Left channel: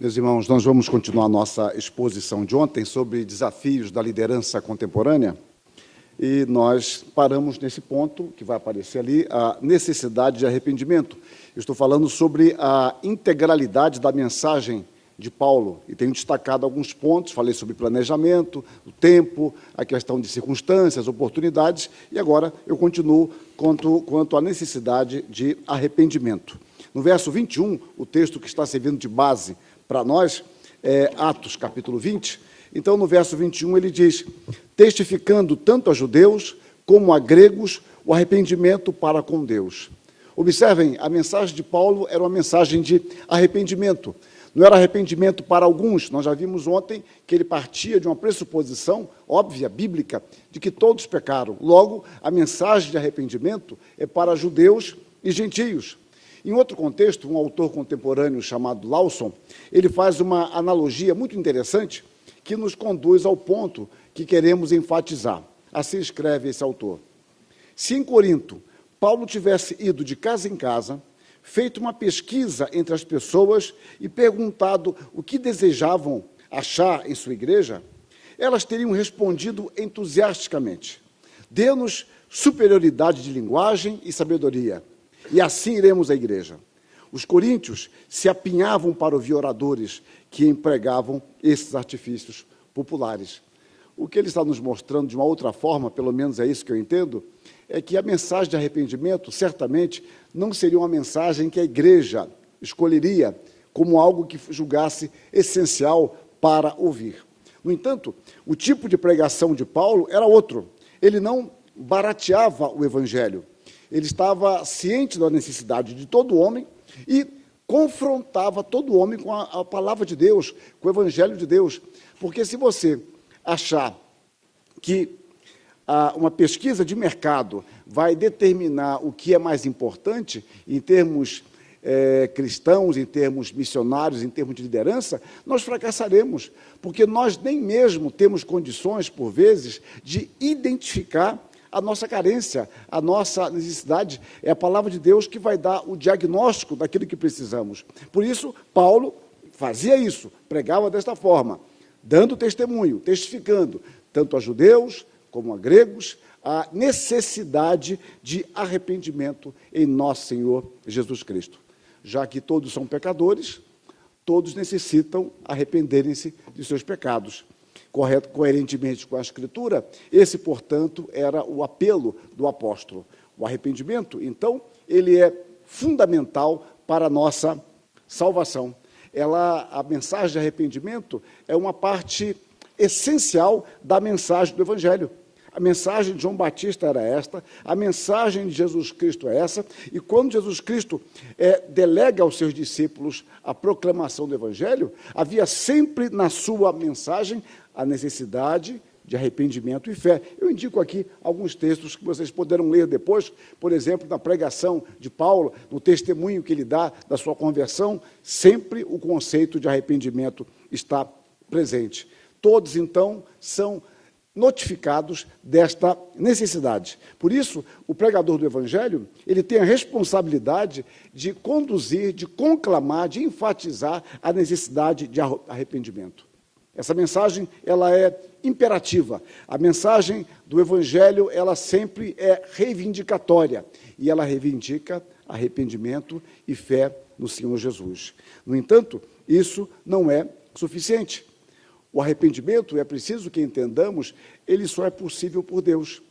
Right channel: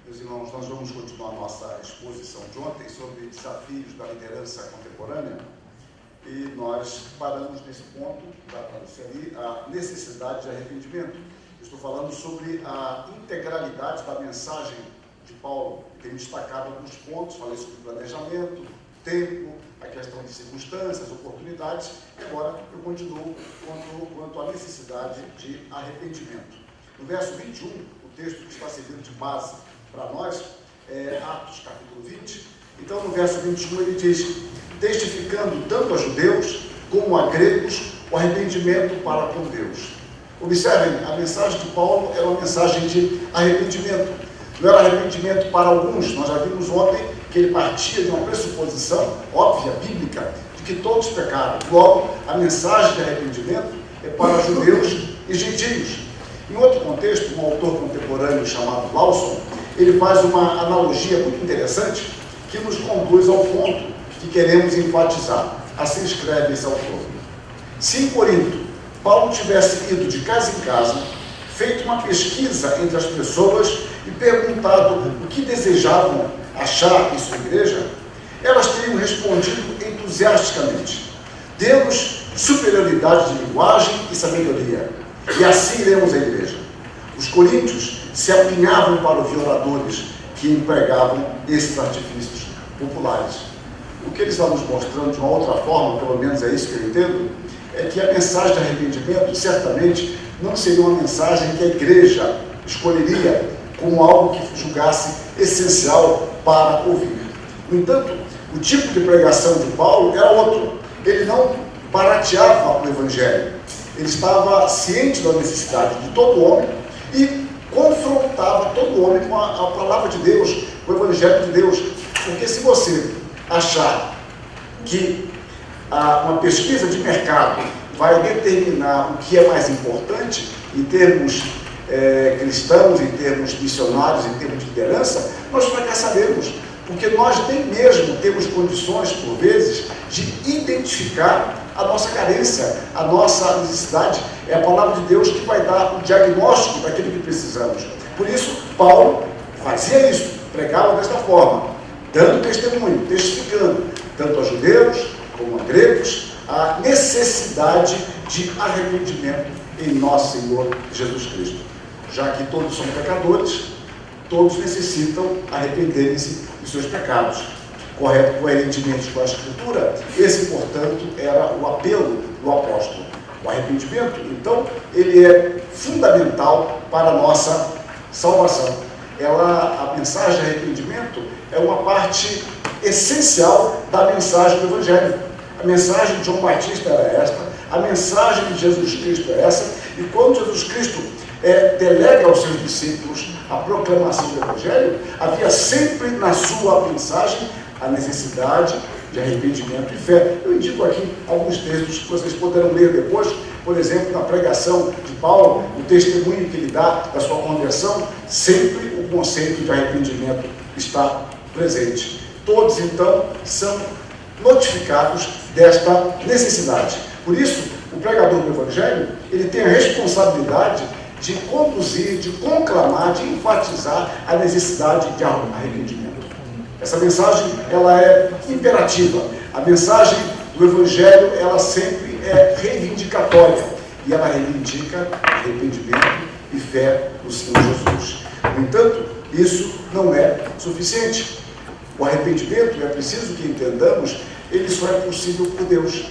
Meus irmãos, nós vamos continuar nossa exposição de ontem sobre desafios da liderança contemporânea e nós paramos nesse ponto, que vai aparecer ali, a necessidade de arrependimento. Eu estou falando sobre a integralidade da mensagem de Paulo e tenho destacado alguns pontos, falei sobre planejamento, o tempo, a questão de circunstâncias, oportunidades e agora eu continuo quanto à necessidade de arrependimento. No verso 21, o texto que está servindo de base para nós é Atos, capítulo 20. Então, no verso 21, ele diz: testificando tanto a judeus como a gregos o arrependimento para com Deus. Observem, a mensagem de Paulo era uma mensagem de arrependimento. Não era arrependimento para alguns, nós já vimos ontem que ele partia de uma pressuposição óbvia, bíblica, de que todos pecaram. Logo, a mensagem de arrependimento é para judeus e gentios. Em outro contexto, um autor contemporâneo chamado Lawson, ele faz uma analogia muito interessante que nos conduz ao ponto que queremos enfatizar. Assim escreve esse autor. Se em Corinto Paulo tivesse ido de casa em casa, feito uma pesquisa entre as pessoas e perguntado o que desejavam achar em sua igreja, elas teriam respondido entusiasticamente: temos superioridade de linguagem e sabedoria, e assim iremos à igreja. Os coríntios se apinhavam para ouvir oradores que empregavam esses artifícios populares. O que eles estão nos mostrando de uma outra forma, pelo menos é isso que eu entendo, é que a mensagem de arrependimento certamente não seria uma mensagem que a igreja escolheria como algo que julgasse essencial para ouvir. No entanto, o tipo de pregação de Paulo era outro. Ele não barateava o evangelho. Ele estava ciente da necessidade de todo homem e confrontava todo homem com a palavra de Deus, com o evangelho de Deus. Porque se você achar que uma pesquisa de mercado vai determinar o que é mais importante em termos cristãos, em termos missionários, em termos de liderança, nós fracassaremos, porque nós nem mesmo temos condições, por vezes, de identificar a nossa carência, a nossa necessidade. É a palavra de Deus que vai dar o diagnóstico daquilo que precisamos. Por isso, Paulo fazia isso, pregava dessa forma, dando testemunho, testificando, tanto a judeus como a gregos, a necessidade de arrependimento em nosso Senhor Jesus Cristo. Já que todos são pecadores, todos necessitam arrependerem-se dos seus pecados. Coerentemente com a Escritura, esse, portanto, era o apelo do apóstolo. O arrependimento, então, ele é fundamental para a nossa salvação. A mensagem de arrependimento é uma parte essencial da mensagem do Evangelho. A mensagem de João Batista era esta, a mensagem de Jesus Cristo é essa, e quando Jesus Cristo delega aos seus discípulos a proclamação do Evangelho, havia sempre na sua mensagem a necessidade de arrependimento e fé. Eu indico aqui alguns textos que vocês poderão ler depois, por exemplo, na pregação de Paulo, o testemunho que ele dá da sua conversão, sempre o conceito de arrependimento está presente. Todos, então, são notificados desta necessidade. Por isso, o pregador do Evangelho, ele tem a responsabilidade de conduzir, de conclamar, de enfatizar a necessidade de arrependimento. Essa mensagem, ela é imperativa. A mensagem do Evangelho, ela sempre é reivindicatória. E ela reivindica arrependimento e fé no Senhor Jesus. No entanto, isso não é suficiente. O arrependimento, é preciso que entendamos, ele só é possível por Deus.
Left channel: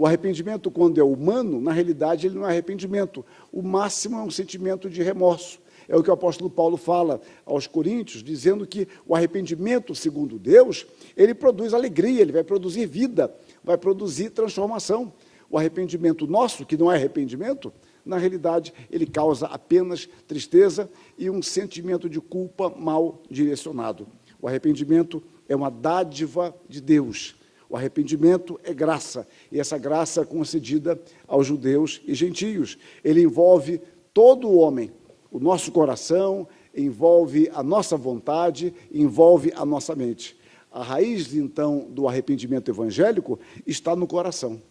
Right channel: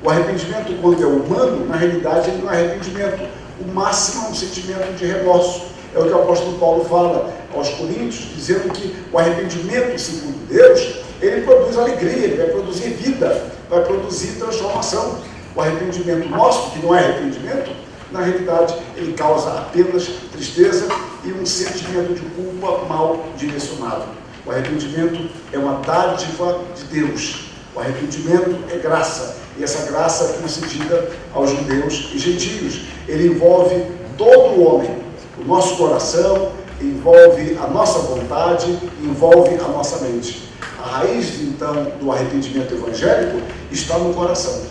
O arrependimento, quando é humano, na realidade, ele não é arrependimento. O máximo é um sentimento de remorso. É o que o apóstolo Paulo fala aos coríntios, dizendo que o arrependimento, segundo Deus, ele produz alegria, ele vai produzir vida, vai produzir transformação. O arrependimento nosso, que não é arrependimento, na realidade, ele causa apenas tristeza e um sentimento de culpa mal direcionado. O arrependimento é uma dádiva de Deus. O arrependimento é graça, e essa graça é concedida aos judeus e gentios. Ele envolve todo o homem, o nosso coração, envolve a nossa vontade, envolve a nossa mente. A raiz, então, do arrependimento evangélico está no coração,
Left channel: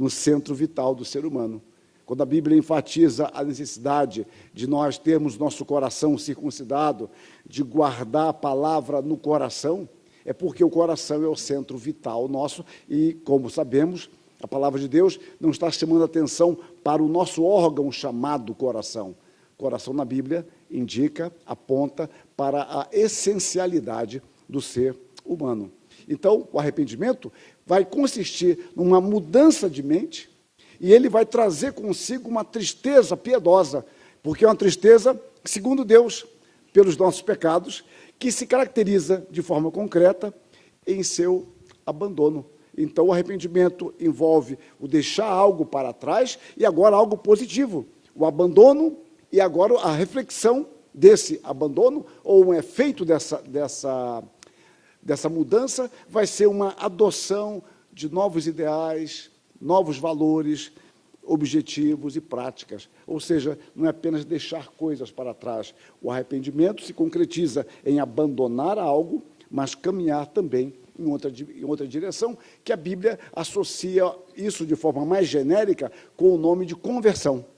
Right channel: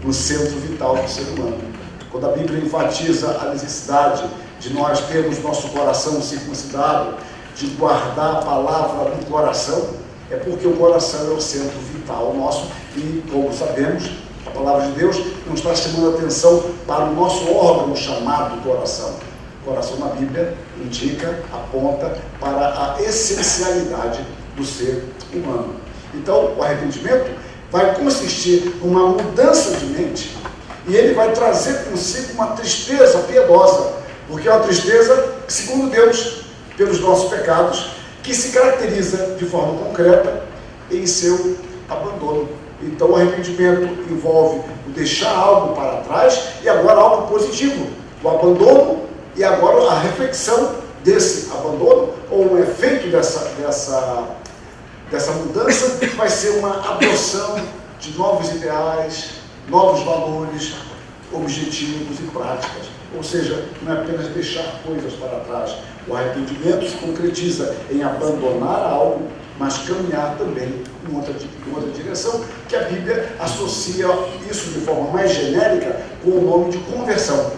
no centro vital do ser humano. Quando a Bíblia enfatiza a necessidade de nós termos nosso coração circuncidado, de guardar a palavra no coração, é porque o coração é o centro vital nosso e, como sabemos, a palavra de Deus nos está chamando a atenção para o nosso órgão chamado coração. O coração na Bíblia indica, aponta para a essencialidade do ser humano. Então, o arrependimento vai consistir numa mudança de mente e ele vai trazer consigo uma tristeza piedosa, porque é uma tristeza, segundo Deus, pelos nossos pecados, que se caracteriza de forma concreta em seu abandono. Então, o arrependimento envolve o deixar algo para trás e agora algo positivo, o abandono e agora a reflexão desse abandono, ou um efeito dessa mudança vai ser uma adoção de novos ideais, novos valores, objetivos e práticas. Ou seja, não é apenas deixar coisas para trás. O arrependimento se concretiza em abandonar algo, mas caminhar também em outra direção, que a Bíblia associa isso de forma mais genérica com o nome de conversão.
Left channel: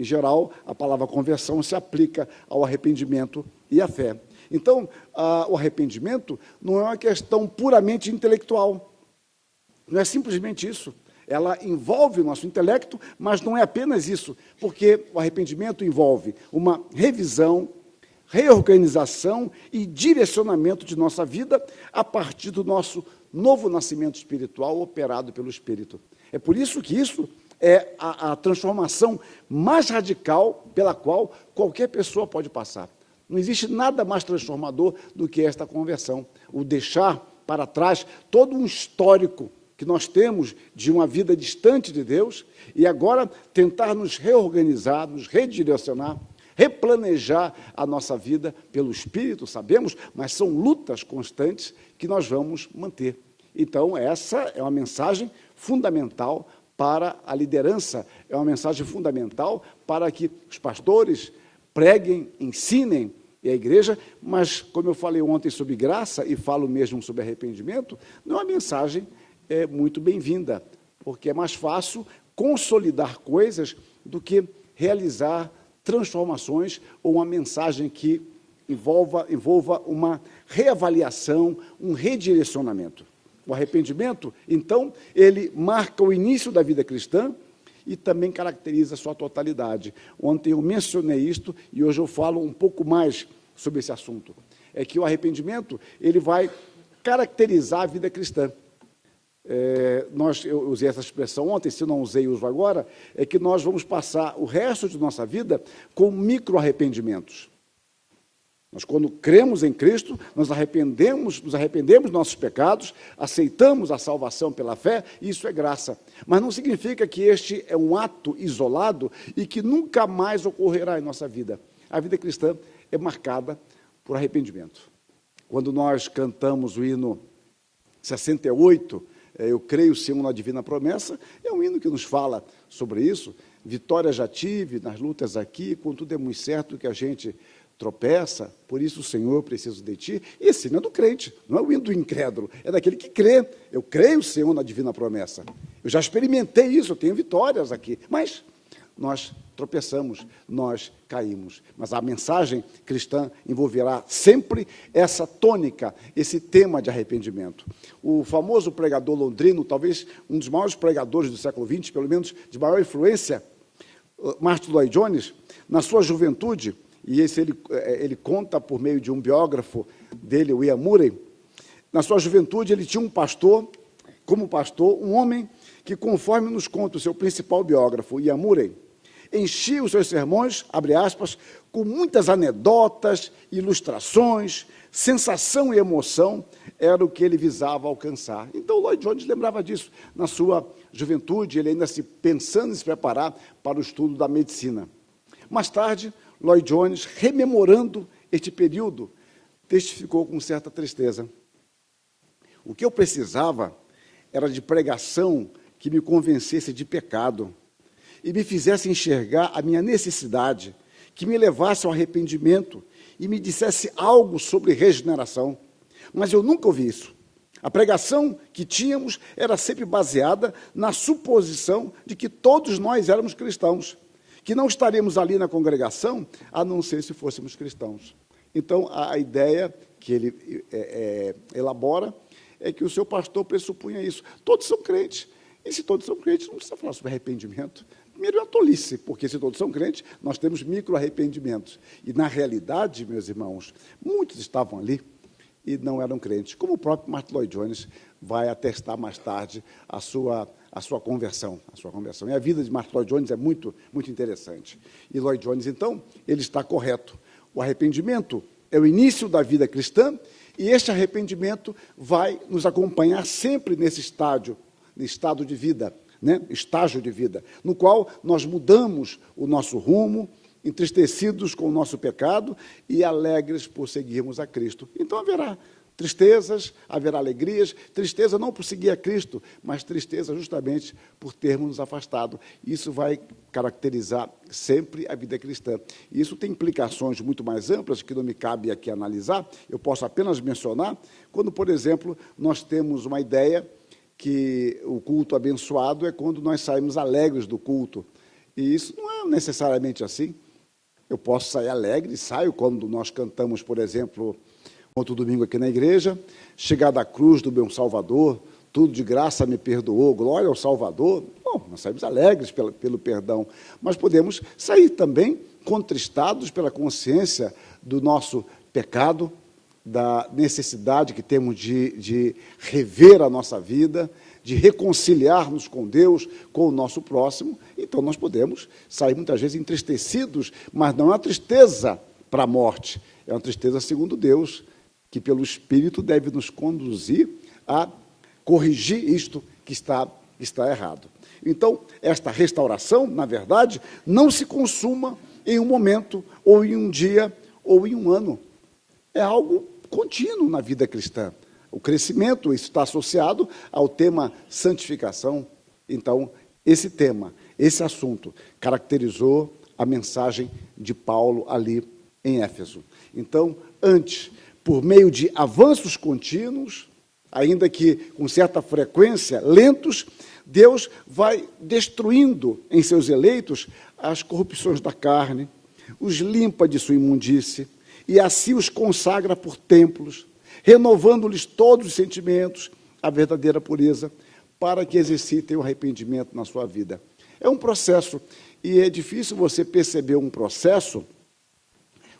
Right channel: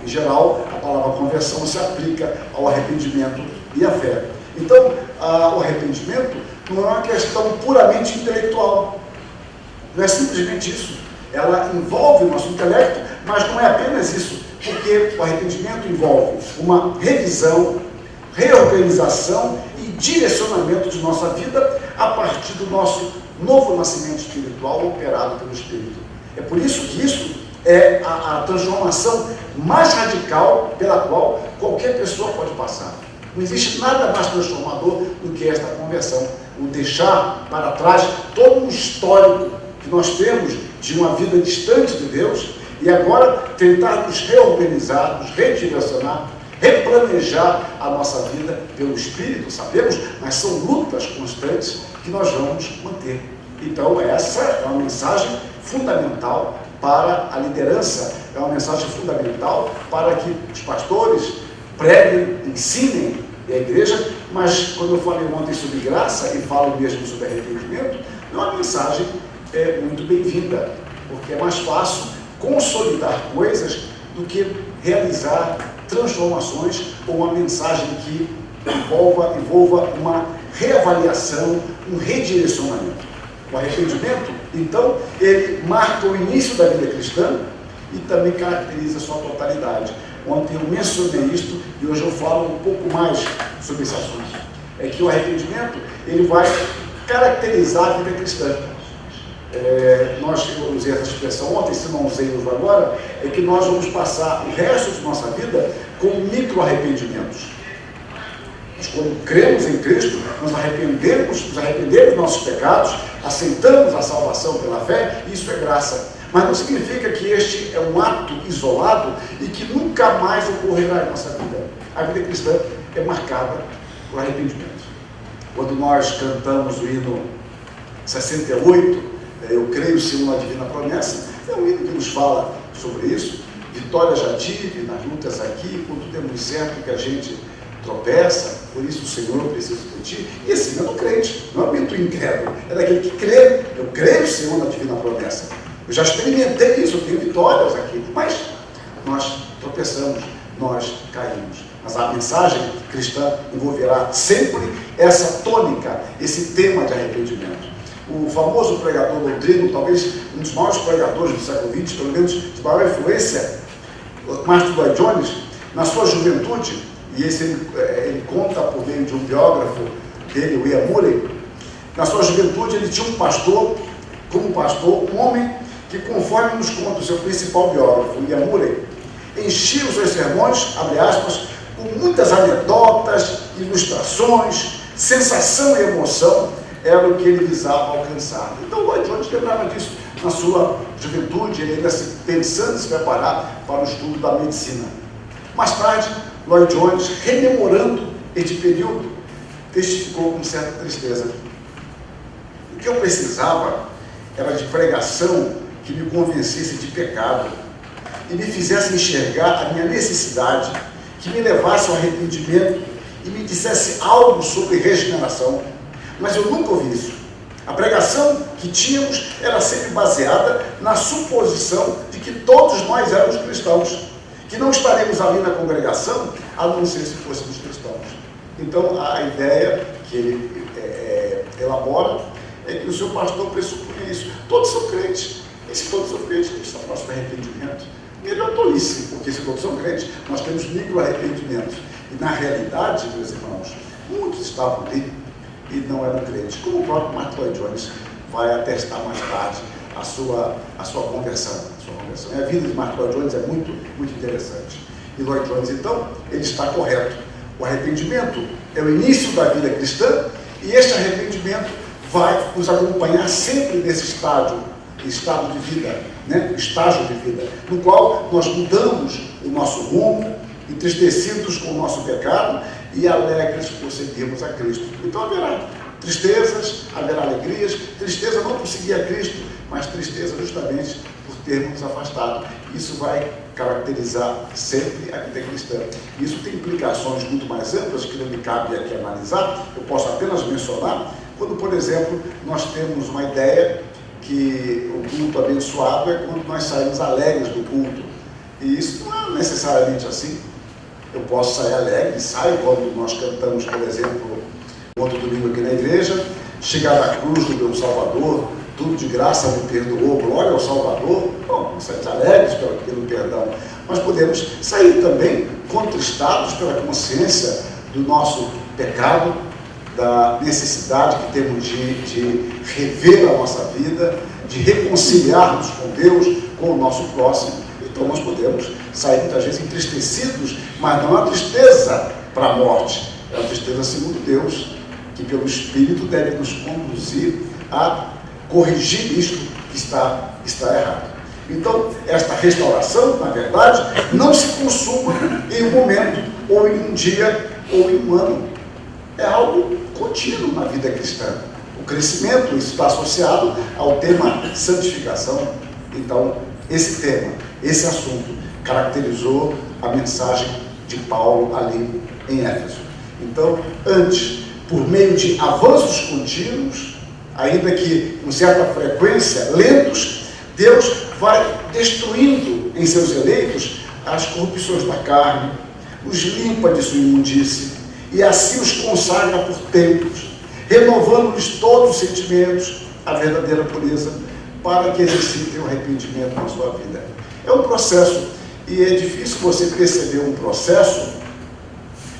Em geral, a palavra conversão se aplica ao arrependimento e à fé. Então, o arrependimento não é uma questão puramente intelectual. Não é simplesmente isso. Ela envolve o nosso intelecto, mas não é apenas isso, porque o arrependimento envolve uma revisão, reorganização e direcionamento de nossa vida a partir do nosso novo nascimento espiritual operado pelo Espírito. É por isso que isso é a transformação mais radical pela qual qualquer pessoa pode passar. Não existe nada mais transformador do que esta conversão, o deixar para trás todo um histórico que nós temos de uma vida distante de Deus e agora tentar nos reorganizar, nos redirecionar, replanejar a nossa vida pelo Espírito, sabemos, mas são lutas constantes que nós vamos manter. Então, essa é uma mensagem fundamental para a liderança, é uma mensagem fundamental para que os pastores preguem, ensinem a igreja, mas quando eu falei ontem sobre graça e falo mesmo sobre arrependimento, não é uma mensagem muito bem-vinda, porque é mais fácil consolidar coisas do que realizar transformações ou uma mensagem que envolva uma reavaliação, um redirecionamento. O arrependimento, então, ele marca o início da vida cristã e também caracteriza a sua totalidade. Ontem eu mencionei isto e hoje eu falo um pouco mais sobre esse assunto. É que o arrependimento, ele vai caracterizar a vida cristã. Eu usei essa expressão ontem, se não usei hoje agora, é que nós vamos passar o resto de nossa vida com micro-arrependimentos. Nós, quando cremos em Cristo, nos arrependemos dos nossos pecados, aceitamos a salvação pela fé, isso é graça. Mas não significa que este é um ato isolado e que nunca mais ocorrerá em nossa vida. A vida cristã é marcada por arrependimento. Quando nós cantamos o hino 68, eu creio sim na divina promessa, é um hino que nos fala sobre isso. Vitória já tive nas lutas aqui, contudo é muito certo que a gente tropeça, por isso o Senhor precisa de ti. Esse hino é do crente, não é o hino do incrédulo, é daquele que crê. Eu creio, Senhor, na divina promessa. Eu já experimentei isso, eu tenho vitórias aqui, mas nós tropeçamos, nós caímos. Mas a mensagem cristã envolverá sempre essa tônica, esse tema de arrependimento. O famoso pregador Rodrigo, talvez um dos maiores pregadores do século XX, pelo menos de maior influência, Martin Lloyd-Jones, na sua juventude, e esse ele conta por meio de um biógrafo dele, o Ian Murray, na sua juventude ele tinha um pastor, como pastor, um homem que, conforme nos conta o seu principal biógrafo, Ian Murray, enchia os seus sermões, abre aspas, com muitas anedotas, ilustrações, sensação e emoção, era o que ele visava alcançar. Então, Lloyd-Jones lembrava disso na sua juventude, ele ainda pensando em se preparar para o estudo da medicina. Mais tarde, Lloyd-Jones, rememorando este período, testificou com certa tristeza. O que eu precisava era de pregação que me convencesse de pecado e me fizesse enxergar a minha necessidade, que me levasse ao arrependimento e me dissesse algo sobre regeneração. Mas eu nunca ouvi isso. A pregação que tínhamos era sempre baseada na suposição de que todos nós éramos cristãos, que não estaremos ali na congregação a não ser se fôssemos cristãos. Então, a ideia que ele elabora é que o seu pastor pressupunha isso. Todos são crentes. E se todos são crentes, eles estão no nosso arrependimento. Melhor tolice, porque se todos são crentes, nós temos micro-arrependimentos. E, na realidade, meus irmãos, muitos estavam ali e não eram crentes. Como o próprio Mark Lloyd Jones vai atestar mais tarde a sua conversão. A vida de Mark Lloyd Jones é muito, muito interessante. E Lloyd Jones, então, ele está correto. O arrependimento é o início da vida cristã e esse arrependimento vai nos acompanhar sempre nesse estado de vida, né? Estágio de vida, no qual nós mudamos o nosso rumo, entristecidos com o nosso pecado e alegres por seguirmos a Cristo. Então haverá tristezas, haverá alegrias, tristeza não por seguir a Cristo, mas tristeza justamente por termos afastado. Isso vai caracterizar sempre a vida cristã. Isso tem implicações muito mais amplas que não me cabe aqui analisar, eu posso apenas mencionar, quando, por exemplo, nós temos uma ideia que o culto abençoado é quando nós saímos alegres do culto. E isso não é necessariamente assim. Eu posso sair alegre, saio quando nós cantamos, por exemplo, outro domingo aqui na igreja, chegar à cruz do meu Salvador, tudo de graça me perdoou, glória ao Salvador. Bom, saímos alegres pelo perdão. Mas podemos sair também contristados pela consciência do nosso pecado, da necessidade que temos de rever a nossa vida, de reconciliarmos com Deus, com o nosso próximo. Então nós podemos sair muitas vezes entristecidos, mas não é uma tristeza para a morte, é uma tristeza segundo Deus, que pelo Espírito deve nos conduzir a corrigir isto que está errado. Então, esta restauração, na verdade, não se consuma em um momento, ou em um dia, ou em um ano. É algo contínuo na vida cristã. O crescimento está associado ao tema santificação. Então, esse tema, esse assunto, caracterizou a mensagem de Paulo ali em Éfeso. Então, antes, por meio de avanços contínuos, ainda que com certa frequência, lentos, Deus vai destruindo em seus eleitos as corrupções da carne, os limpa de sua imundície, e assim os consagra por tempos, renovando-lhes todos os sentimentos, a verdadeira pureza, para que exercitem o arrependimento na sua vida. É um processo, e é difícil você perceber um processo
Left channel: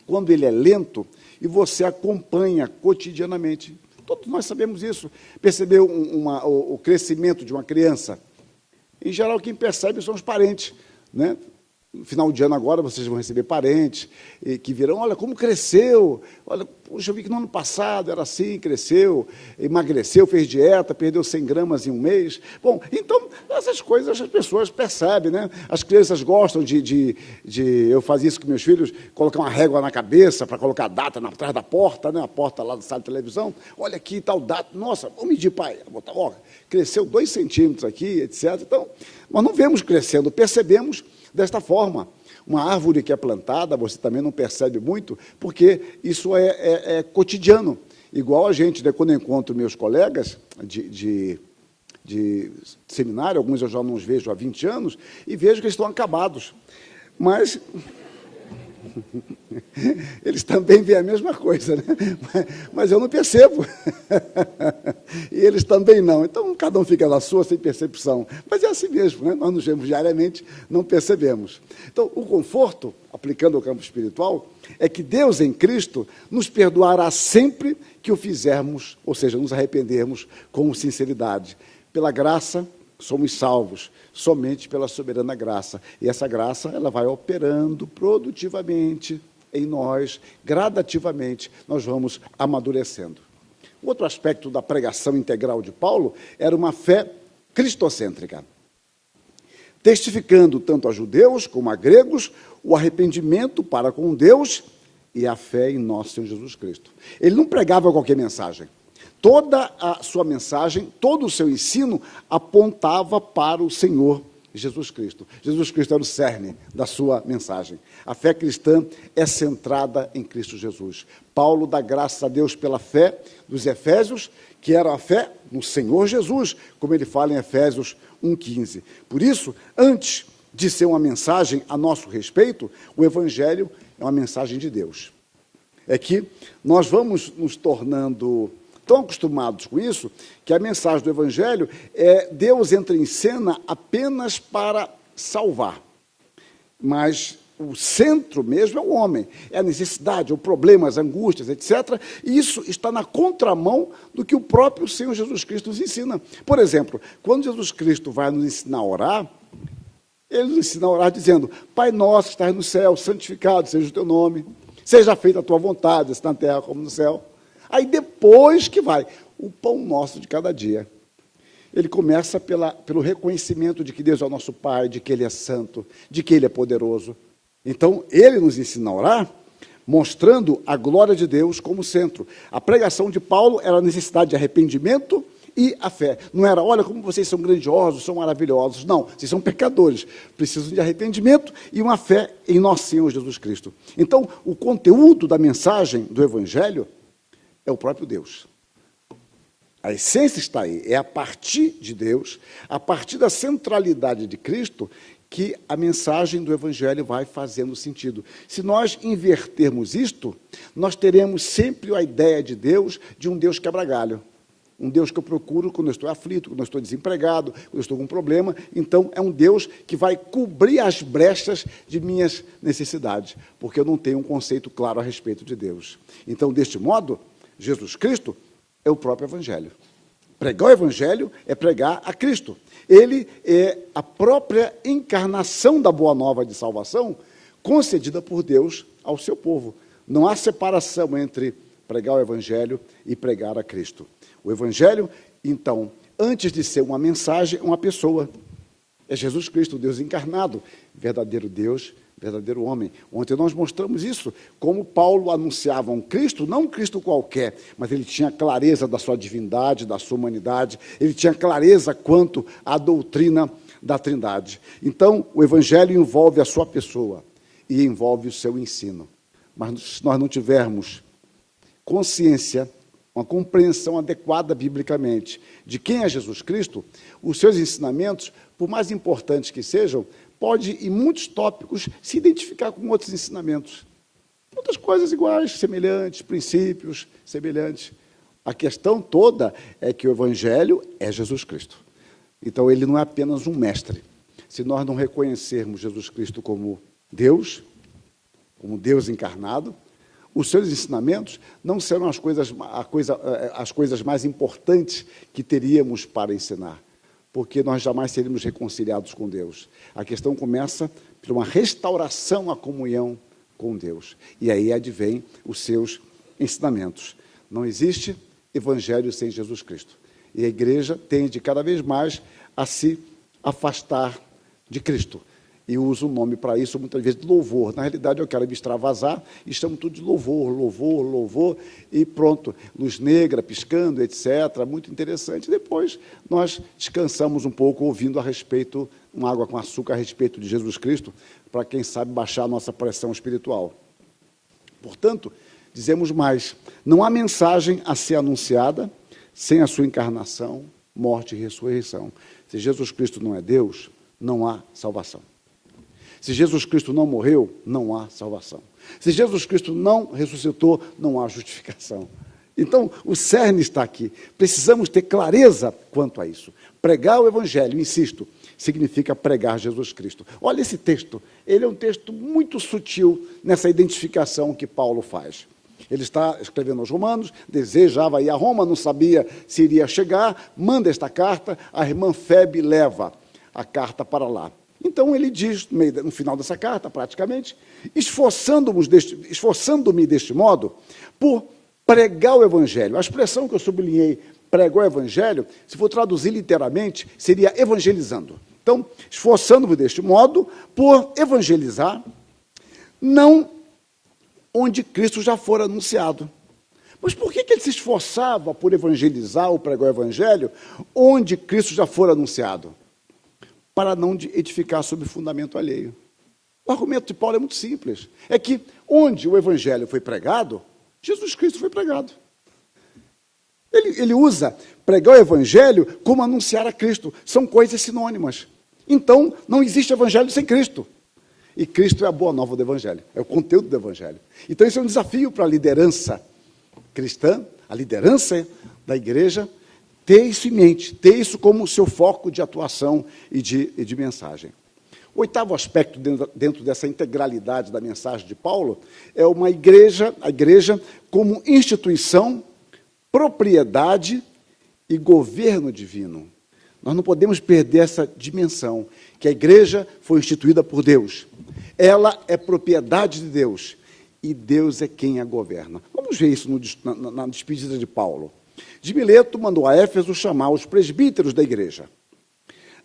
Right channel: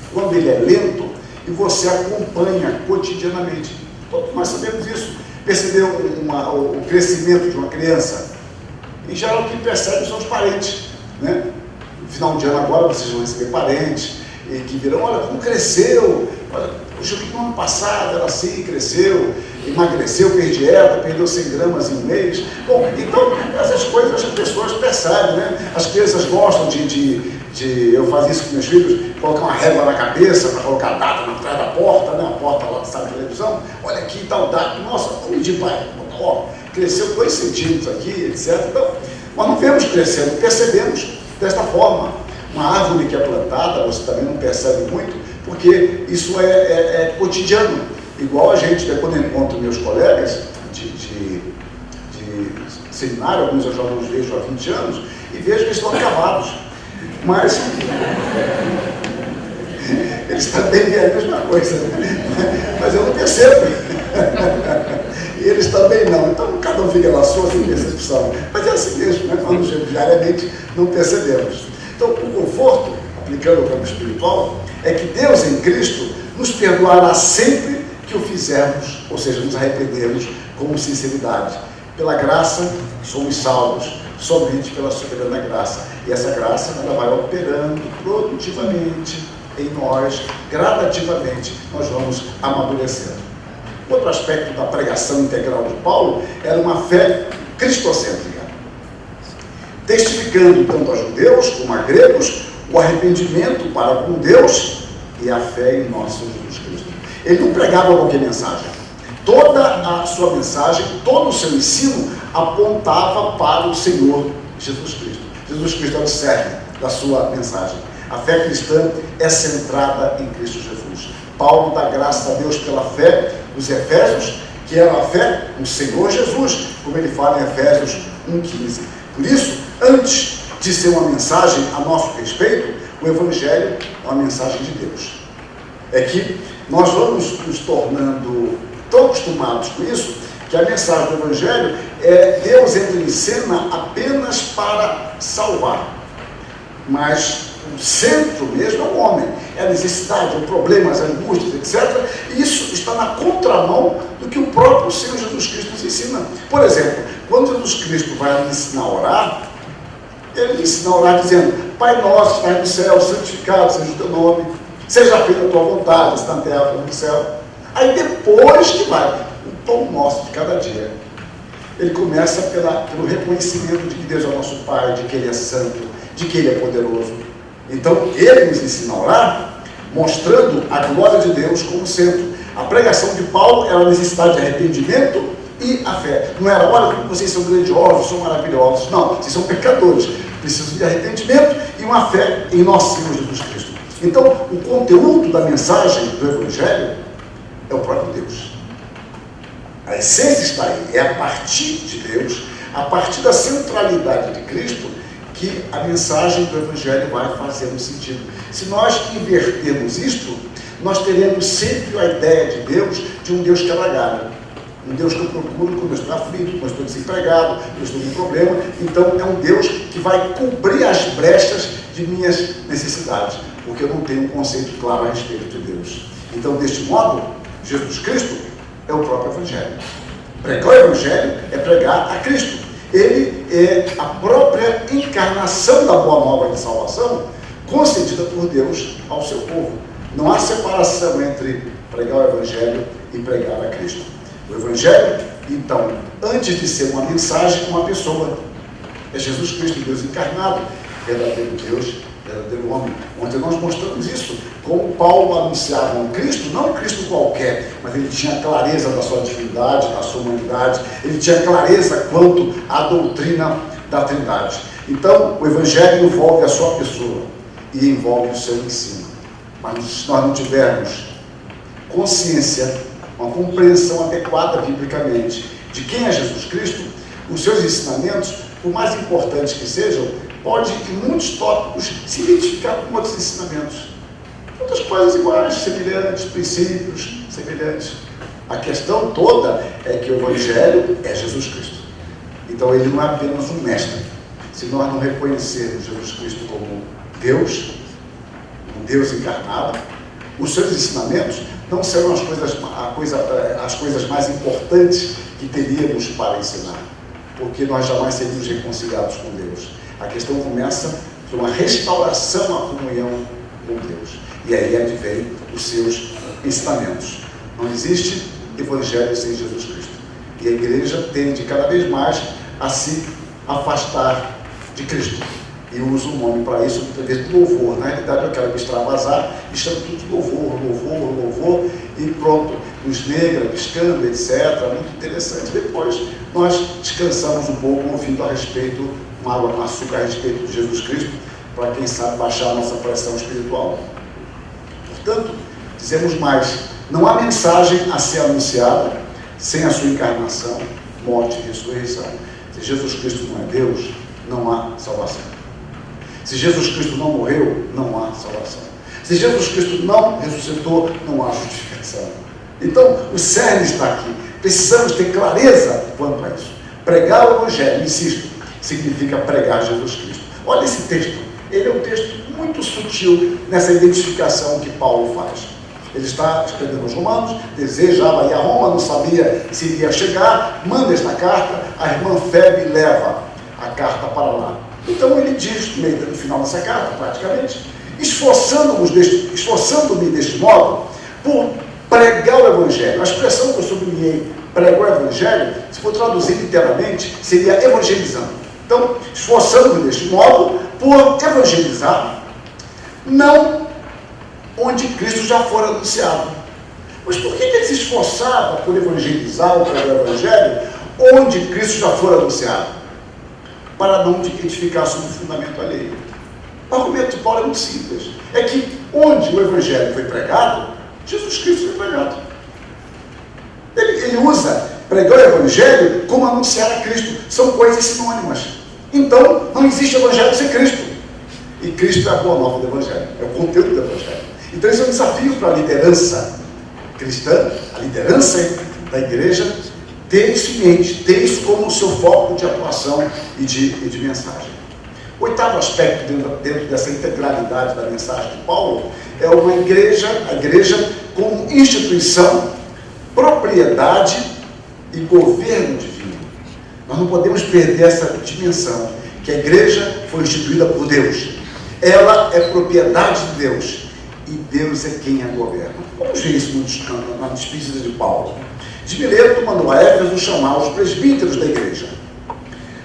quando ele é lento e você acompanha cotidianamente. Todos nós sabemos isso. Perceber o crescimento de uma criança. Em geral, quem percebe são os parentes, né? No final de ano agora, vocês vão receber parentes, e que dirão, olha, como cresceu, olha, puxa, no ano passado era assim, cresceu, emagreceu, fez dieta, perdeu 100 gramas em um mês. Bom, então, essas coisas as pessoas percebem, né? As crianças gostam eu fazia isso com meus filhos, colocar uma régua na cabeça, para colocar a data na trás da porta, né? A porta lá da televisão, olha aqui, tal data, nossa, vamos medir, pai, ó, cresceu 2 centímetros aqui, etc. Então, nós não vemos crescendo, percebemos dessa forma. Uma árvore que é plantada, você também não percebe muito, porque isso é cotidiano. Igual a gente, quando eu encontro meus colegas de seminário, alguns eu já não os vejo há 20 anos, e vejo que eles estão gravados. Mas eles também é a mesma coisa, mas eu não percebo. E eles também não. Então, cada um fica na sua, sem percepção. Mas é assim mesmo, né? Nós diariamente não percebemos. Então, o conforto, aplicando ao campo espiritual, é que Deus em Cristo nos perdoará sempre que o fizermos, ou seja, nos arrependermos com sinceridade. Pela graça, somos salvos, somente pela soberana graça. E essa graça ela vai operando produtivamente em nós, gradativamente, nós vamos amadurecendo. Outro aspecto da pregação integral de Paulo era uma fé cristocêntrica, testificando tanto a judeus como a gregos o arrependimento para com Deus e a fé em nosso Jesus Cristo. Ele não pregava qualquer mensagem. Toda a sua mensagem, todo o seu ensino apontava para o Senhor Jesus Cristo. Jesus Cristo é o cerne da sua mensagem. A fé cristã é centrada em Cristo Jesus. Paulo dá graça a Deus pela fé dos Efésios, que era a fé no Senhor Jesus, como ele fala em Efésios 1,15. Por isso, antes de ser uma mensagem a nosso respeito, o Evangelho é uma mensagem de Deus. é que nós vamos nos tornando tão acostumados com isso, que a mensagem do Evangelho é Deus entra em cena apenas para salvar. Mas o centro mesmo é o homem, é a necessidade, o problema, as angústias, etc. E isso está na contramão do que o próprio Senhor Jesus Cristo nos ensina. Por exemplo, quando Jesus Cristo vai ensinar a orar, ele ensina a orar dizendo: Pai nosso, que estás no céu, santificado seja o teu nome, seja feita a tua vontade, assim na terra como no céu. Aí depois que vai, o pão nosso de cada dia. Ele começa pelo reconhecimento de que Deus é o nosso Pai, de que Ele é santo, de que Ele é poderoso. Então, Ele nos ensina a orar, mostrando a glória de Deus como centro. A pregação de Paulo era a necessidade de arrependimento e a fé. Não era: olha, vocês são grandiosos, são maravilhosos. Não, vocês são pecadores. Precisam de arrependimento e uma fé em nosso Senhor Jesus Cristo. Então, o conteúdo da mensagem do Evangelho é o próprio Deus. A essência está aí. É a partir de Deus, a partir da centralidade de Cristo, que a mensagem do Evangelho vai fazendo sentido. Se nós invertermos isto, nós teremos sempre a ideia de Deus, de um Deus que é lagalho. Um Deus que eu procuro quando eu estou aflito, quando eu estou desempregado, quando eu estou com problema. Então, é um Deus que vai cobrir as brechas de minhas necessidades, porque eu não tenho um conceito claro a respeito de Deus. Então, deste modo, Jesus Cristo é o próprio Evangelho. Pregar o Evangelho é pregar a Cristo. Ele é a própria encarnação da boa nova de salvação concedida por Deus ao seu povo. Não há separação entre pregar o Evangelho e pregar a Cristo. O Evangelho, então, antes de ser uma mensagem, é uma pessoa. É Jesus Cristo, Deus encarnado, verdadeiro Deus, verdadeiro homem. Onde nós mostramos isso, como Paulo anunciava um Cristo, não um Cristo qualquer, mas ele tinha clareza da sua divindade, da sua humanidade, ele tinha clareza quanto à doutrina da Trindade. Então, o Evangelho envolve a sua pessoa e envolve o seu ensino. Mas se nós não tivermos consciência, uma compreensão adequada biblicamente de quem é Jesus Cristo, os seus ensinamentos, por mais importantes que sejam, pode, em muitos tópicos, se identificar com outros ensinamentos. Outras coisas iguais, semelhantes, princípios semelhantes. A questão toda é que o Evangelho é Jesus Cristo. Então, ele não é apenas um mestre. Se nós não reconhecermos Jesus Cristo como Deus, um Deus encarnado, os seus ensinamentos não serão as coisas mais importantes que teríamos para ensinar, porque nós jamais seremos reconciliados com Deus. A questão começa por uma restauração à comunhão com Deus. E aí advém os seus ensinamentos. Não existe Evangelho sem Jesus Cristo. E a igreja tende cada vez mais a se afastar de Cristo. E usa o nome para isso, muitas vezes, louvor. Na realidade, eu quero me extravasar e chamo tudo de louvor, e pronto. Nos negra, piscando, etc. Muito interessante. Depois, nós descansamos um pouco ouvindo a respeito, uma água com açúcar a respeito de Jesus Cristo, para quem sabe baixar a nossa pressão espiritual. Portanto, dizemos mais, não há mensagem a ser anunciada sem a sua encarnação, morte e ressurreição. Se Jesus Cristo não é Deus, não há salvação. Se Jesus Cristo não morreu, não há salvação. Se Jesus Cristo não ressuscitou, não há justificação. Então, o cerne está aqui. Precisamos ter clareza quanto a isso. Pregar o Evangelho, insisto, significa pregar Jesus Cristo. Olha esse texto. Ele é um texto muito sutil nessa identificação que Paulo faz. Ele está escrevendo aos Romanos, desejava ir a Roma, não sabia se iria chegar, manda esta carta, a irmã Febe leva a carta para lá. Então ele diz, no final dessa carta, praticamente, esforçando-me deste modo por pregar o Evangelho. A expressão que eu sublinhei, pregar o Evangelho, se for traduzir literalmente, seria evangelizando. Então, esforçando-me deste modo por evangelizar, não onde Cristo já for anunciado. Mas por que ele se esforçava por evangelizar ou pregar o Evangelho onde Cristo já for anunciado? Para não edificar sobre o fundamento alheio. O argumento de Paulo é muito simples. É que onde o Evangelho foi pregado, Jesus Cristo foi pregado. Ele usa pregar o Evangelho como anunciar a Cristo. São coisas sinônimas. Então, não existe Evangelho sem Cristo. E Cristo é a boa nova do Evangelho. É o conteúdo do Evangelho. Então, esse é um desafio para a liderança cristã, a liderança da igreja, ter isso em mente, ter isso como seu foco de atuação e de mensagem. O oitavo aspecto dentro dessa integralidade da mensagem de Paulo é a igreja como instituição, propriedade e governo divino. Nós não podemos perder essa dimensão, que a igreja foi instituída por Deus. Ela é propriedade de Deus e Deus é quem a governa. Vamos ver isso na despedida de Paulo. De Mileto mandou a Éfeso chamar os presbíteros da igreja.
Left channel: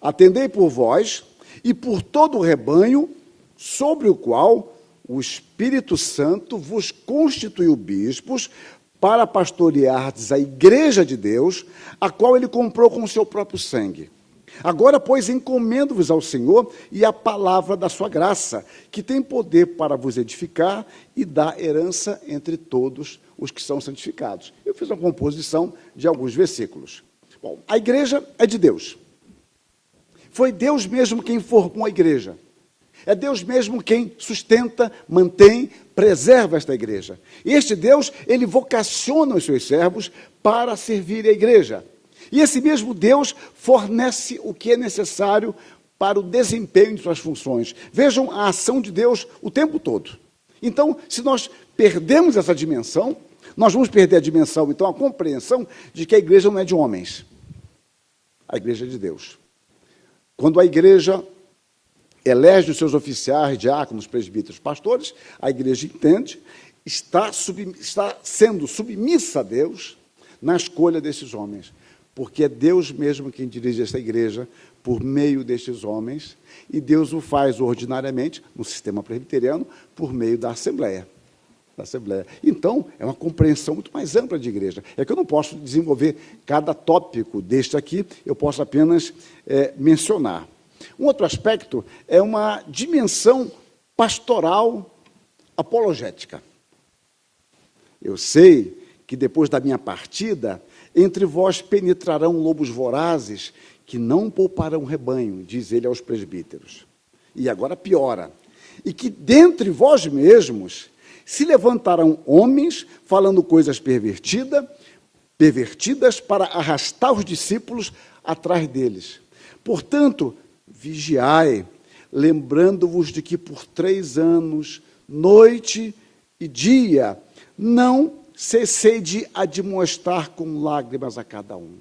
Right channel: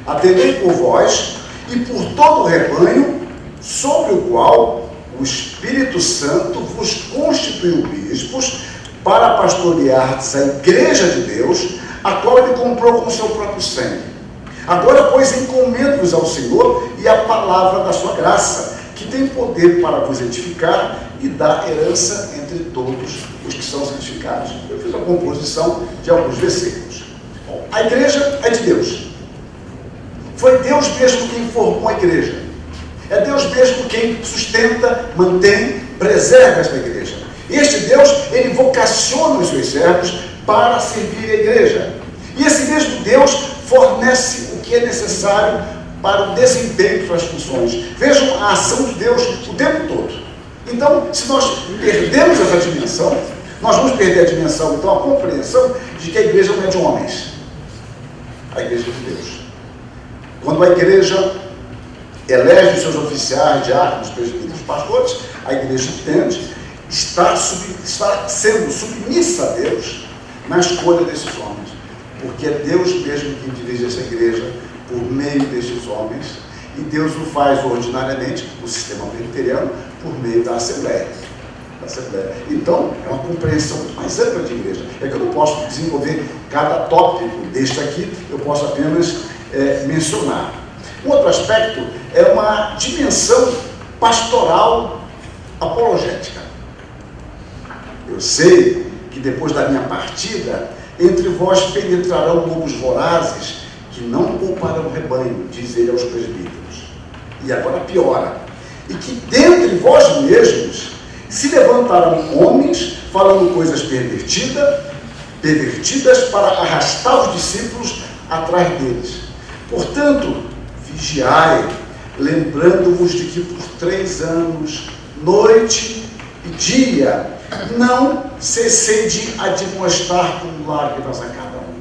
Atendei por vós e por todo o rebanho, sobre o qual o Espírito Santo vos constituiu bispos, para pastoreardes a igreja de Deus, a qual ele comprou com seu próprio sangue. Agora, pois, encomendo-vos ao Senhor e à palavra da sua graça, que tem poder para vos edificar e dar herança entre todos os que são santificados. Eu fiz a composição de alguns versículos. Bom, a igreja é de Deus. Foi Deus mesmo quem formou a igreja. É Deus mesmo quem sustenta, mantém, preserva essa igreja. E este Deus, ele vocaciona os seus servos para servir a igreja. E esse mesmo Deus fornece o que é necessário para o desempenho de suas funções. Vejam a ação de Deus o tempo todo. Então, se nós perdemos essa dimensão, nós vamos perder a dimensão, então, a compreensão de que a igreja não é de homens. A igreja é de Deus. Quando a igreja elege seus oficiais, diáconos, presbíteros, pastores, a igreja entende, está sendo submissa a Deus na escolha desses homens. Porque é Deus mesmo quem dirige essa igreja por meio destes homens, e Deus o faz ordinariamente, o sistema presbiteriano, por meio da Assembleia. Então, é uma compreensão muito mais ampla de igreja. É que eu não posso desenvolver cada tópico deste aqui, eu posso apenas mencionar. Um outro aspecto é uma dimensão pastoral apologética. Eu sei que depois da minha partida, entre vós penetrarão lobos vorazes que não pouparão o rebanho, diz ele aos presbíteros. E agora piora. E que dentre vós mesmos se levantarão homens falando coisas pervertidas para arrastar os discípulos atrás deles. Portanto, vigiai, lembrando-vos de que por 3 anos, noite e dia, não cessei de admoestar com lágrimas a cada um.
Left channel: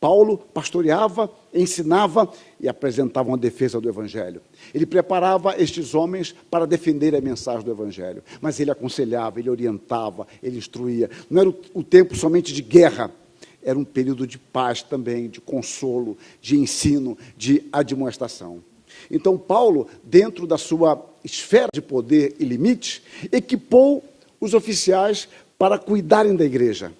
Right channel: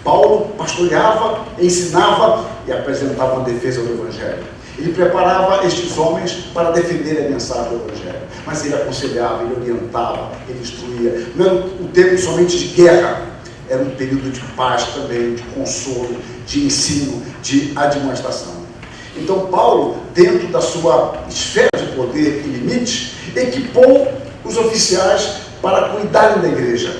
Paulo pastoreava, ensinava e apresentava uma defesa do Evangelho. Ele preparava estes homens para defender a mensagem do Evangelho. Mas ele aconselhava, ele orientava, ele instruía. Não era um tempo somente de guerra, era um período de paz também, de consolo, de ensino, de administração. Então Paulo, dentro da sua esfera de poder e limites, equipou os oficiais para cuidarem da igreja,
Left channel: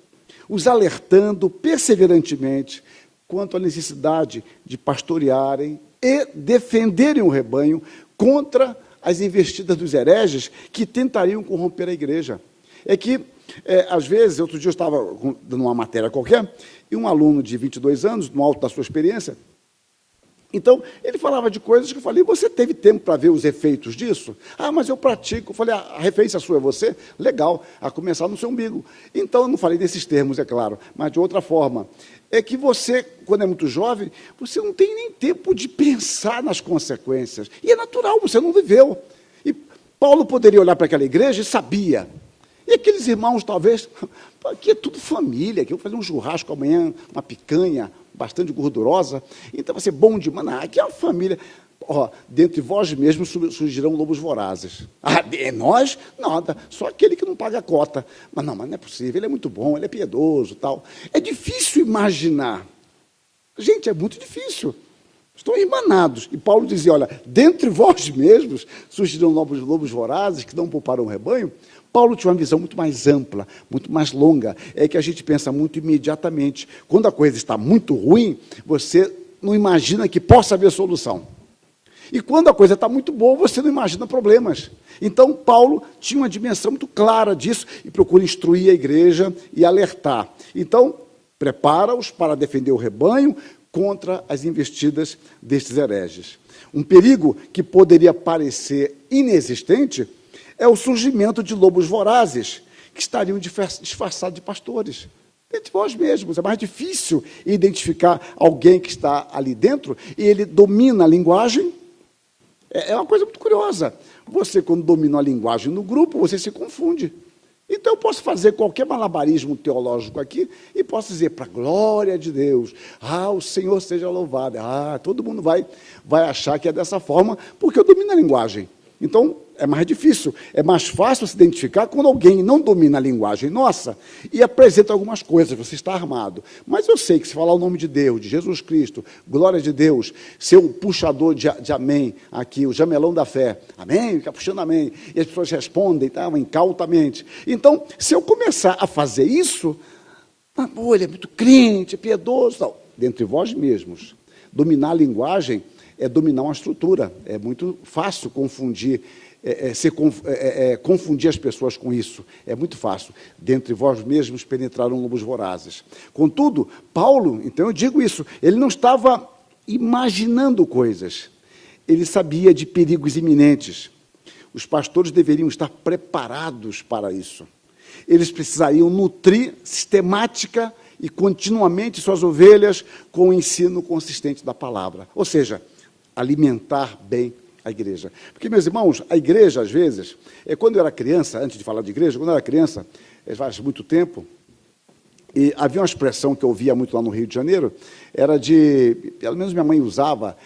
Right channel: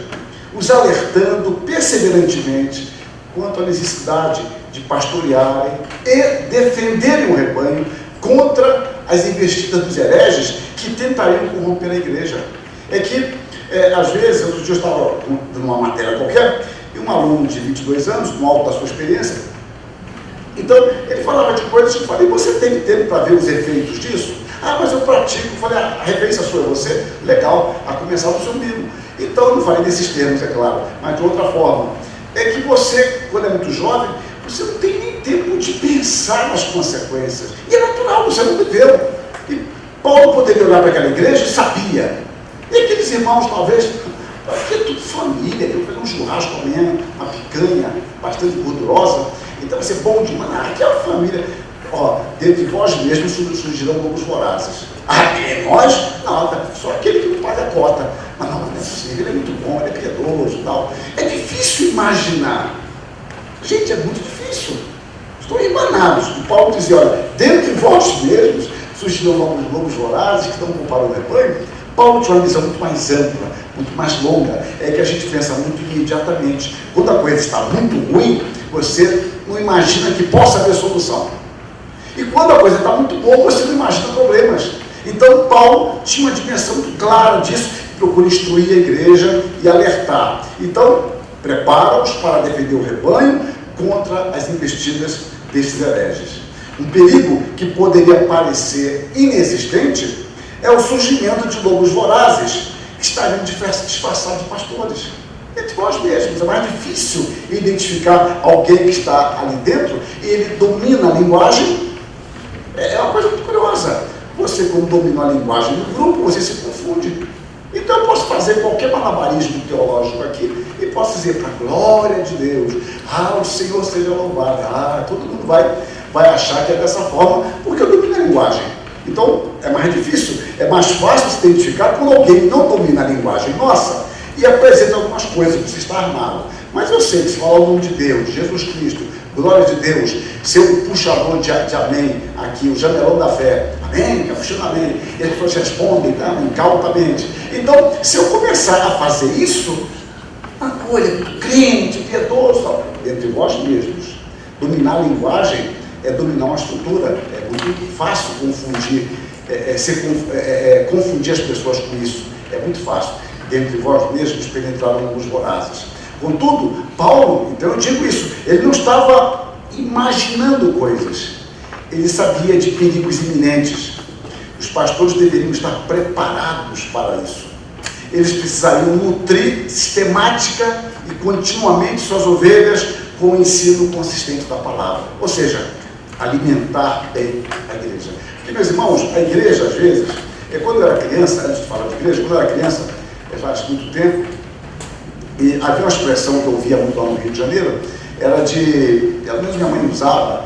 os alertando perseverantemente quanto à necessidade de pastorearem e defenderem o rebanho contra as investidas dos hereges que tentariam corromper a igreja. É que, às vezes, outro dia eu estava numa matéria qualquer, e um aluno de 22 anos, no alto da sua experiência, então, ele falava de coisas que eu falei, você tem tempo para ver os efeitos disso? Ah, mas eu pratico. Eu falei, a referência sua é você? Legal, a começar no seu amigo. Então, eu não falei nesses termos, é claro, mas de outra forma. É que você, quando é muito jovem, você não tem nem tempo de pensar nas consequências. E é natural, você não viveu. E Paulo poderia olhar para aquela igreja e sabia. E aqueles irmãos, talvez, porque é tudo família, eu fazer um churrasco amanhã, uma picanha bastante gordurosa, então vai ser bom demais. Aqui é a família. Ó, dentro de vós mesmos surgirão lobos vorazes. Ah, é nós? Nada, só aquele que não paga a cota. Mas não é possível, ele é muito bom, ele é piedoso e tal. É difícil imaginar. Gente, é muito difícil. Estou emanados. O Paulo dizia, olha, dentro de vós mesmos surgirão lobos vorazes que estão para o rebanho. Paulo tinha uma visão muito mais ampla, muito mais longa. É que a gente pensa muito imediatamente. Quando a coisa está muito ruim, você não imagina que possa haver solução. E quando a coisa está muito boa, você não imagina problemas. Então, Paulo tinha uma dimensão muito clara disso, procura instruir a igreja e alertar. Então, prepara-os para defender o rebanho contra as investidas desses hereges. Um perigo que poderia parecer inexistente é o surgimento de lobos vorazes que estariam disfarçados de pastores. Entre nós mesmos, é mais difícil identificar alguém que está ali dentro e ele domina a linguagem. É uma coisa muito curiosa. Você, quando domina a linguagem do grupo, você se confunde. Então eu posso fazer qualquer malabarismo teológico aqui e posso dizer, para a glória de Deus, o Senhor seja louvado, todo mundo vai achar que é dessa forma, porque eu domino a linguagem. Então é mais difícil, é mais fácil se identificar quando alguém não domina a linguagem nossa e apresenta algumas coisas, você está armado. Mas eu sei que se falar o nome de Deus, Jesus Cristo, glória de Deus, ser o puxador de amém aqui, o janelão da fé, amém, está puxando amém, e as pessoas respondem, amém, cautamente. Então, se eu começar a fazer isso, uma coisa, crente, piedoso, entre vós mesmos, dominar a linguagem é dominar uma estrutura, é muito fácil confundir, confundir as pessoas com isso, é muito fácil. Dentre vós mesmos penetraram os vorazes. Contudo, Paulo, então eu digo isso, ele não estava imaginando coisas, ele sabia de perigos iminentes. Os pastores deveriam estar preparados para isso. Eles precisariam nutrir sistemática e continuamente suas ovelhas com o ensino consistente da palavra. Ou seja, alimentar bem a igreja. Porque, meus irmãos, a igreja, às vezes, quando eu era criança, antes de falar de igreja, quando eu era criança, faz muito tempo, e havia uma expressão que eu via muito lá no Rio de Janeiro, era mesmo minha mãe usava,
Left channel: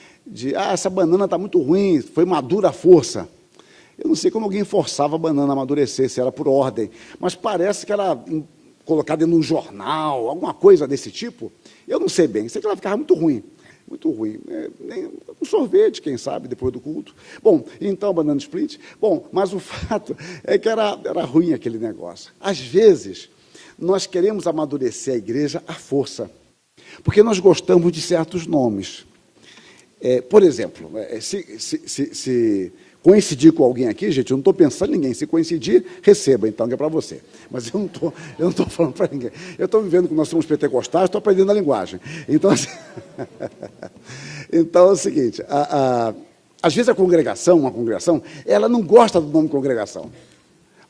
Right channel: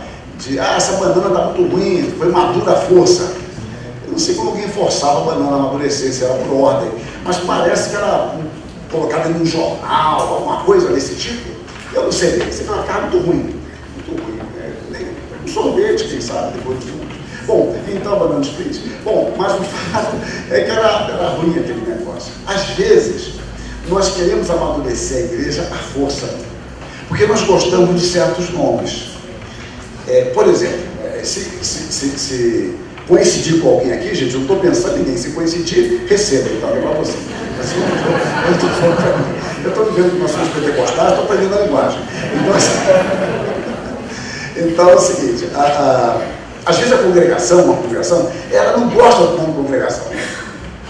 essa banana está muito ruim, foi madura à força. Eu não sei como alguém forçava a banana a amadurecer, se era por ordem, mas parece que era colocada em um jornal, alguma coisa desse tipo. Eu não sei bem, se ela estava muito ruim. Um sorvete, quem sabe, depois de tudo. Bom, então a banana feliz. Bom, mas o fato é que era ruim aquele negócio. Às vezes, nós queremos amadurecer a igreja à força, porque nós gostamos de certos nomes. Por exemplo, se coincidir com alguém aqui, gente, eu estou pensando em mim, se coincidir, receba, tá? Para você. Eu estou vivendo com noções pentecostais, estou aprendendo a linguagem. Então é o seguinte, às vezes uma congregação, ela não gosta de uma congregação.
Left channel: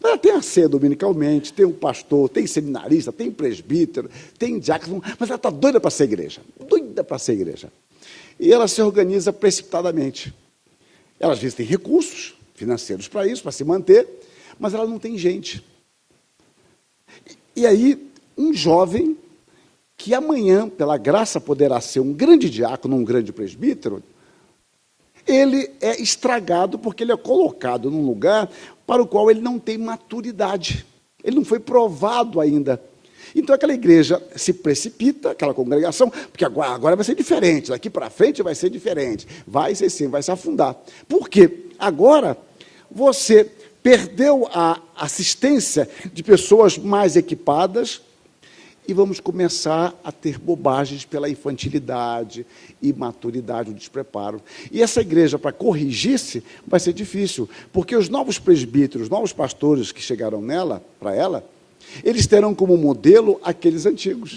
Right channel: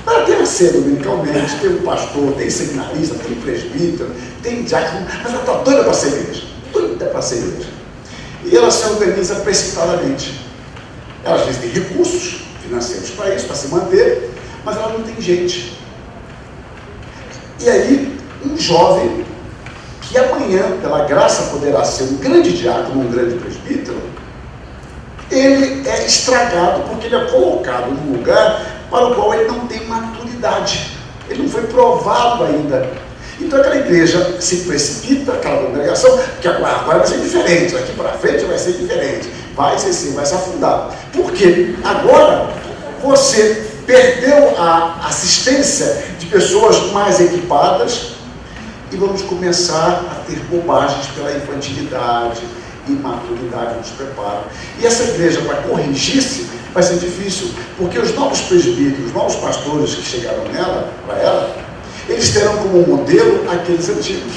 Ela tem a ser dominicalmente, tem um pastor, tem seminarista, tem presbítero, tem diácono, mas ela está doida para ser igreja. Doida para ser igreja. E ela se organiza precipitadamente. Ela às vezes tem recursos financeiros para isso, para se manter, mas ela não tem gente. E aí, um jovem, que amanhã, pela graça, poderá ser um grande diácono, um grande presbítero, ele é estragado porque ele é colocado num lugar para o qual ele não tem maturidade. Ele não foi provado ainda. Então aquela igreja se precipita, aquela congregação, porque agora vai ser diferente, aqui para frente vai ser diferente, vai se afundar. Por quê? Agora você perdeu a assistência de pessoas mais equipadas e vamos começar a ter bobagens pela infantilidade, imaturidade nos prepara. E essa igreja, para corrigir-se, vai ser difícil, porque os novos presbíteros, os novos pastores que chegaram para ela, eles terão como modelo aqueles antigos.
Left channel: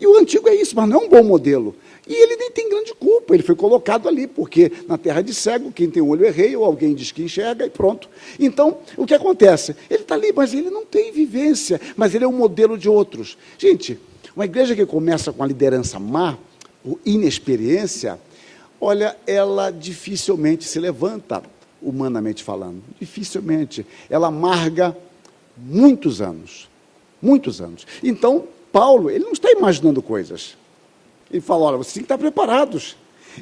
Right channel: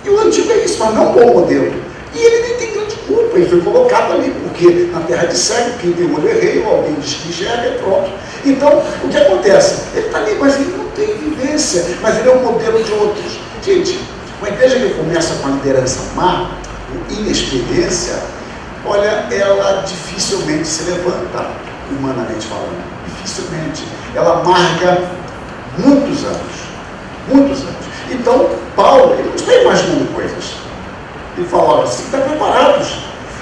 E o antigo é isso, mas não um bom modelo. E ele nem tem grande culpa, ele foi colocado ali, porque na terra de cego, quem tem olho é rei, ou alguém diz que enxerga, é pronto. Então, o que acontece? Ele está ali, mas ele não tem vivência, mas ele é o modelo de outros. Gente, uma igreja que começa com a liderança má, com inexperiência, olha, ela dificilmente se levanta, humanamente falando. Dificilmente. Ela amarga muitos anos. Muitos anos. Então, Paulo, ele não está imaginando coisas. Ele falava assim, estão preparados.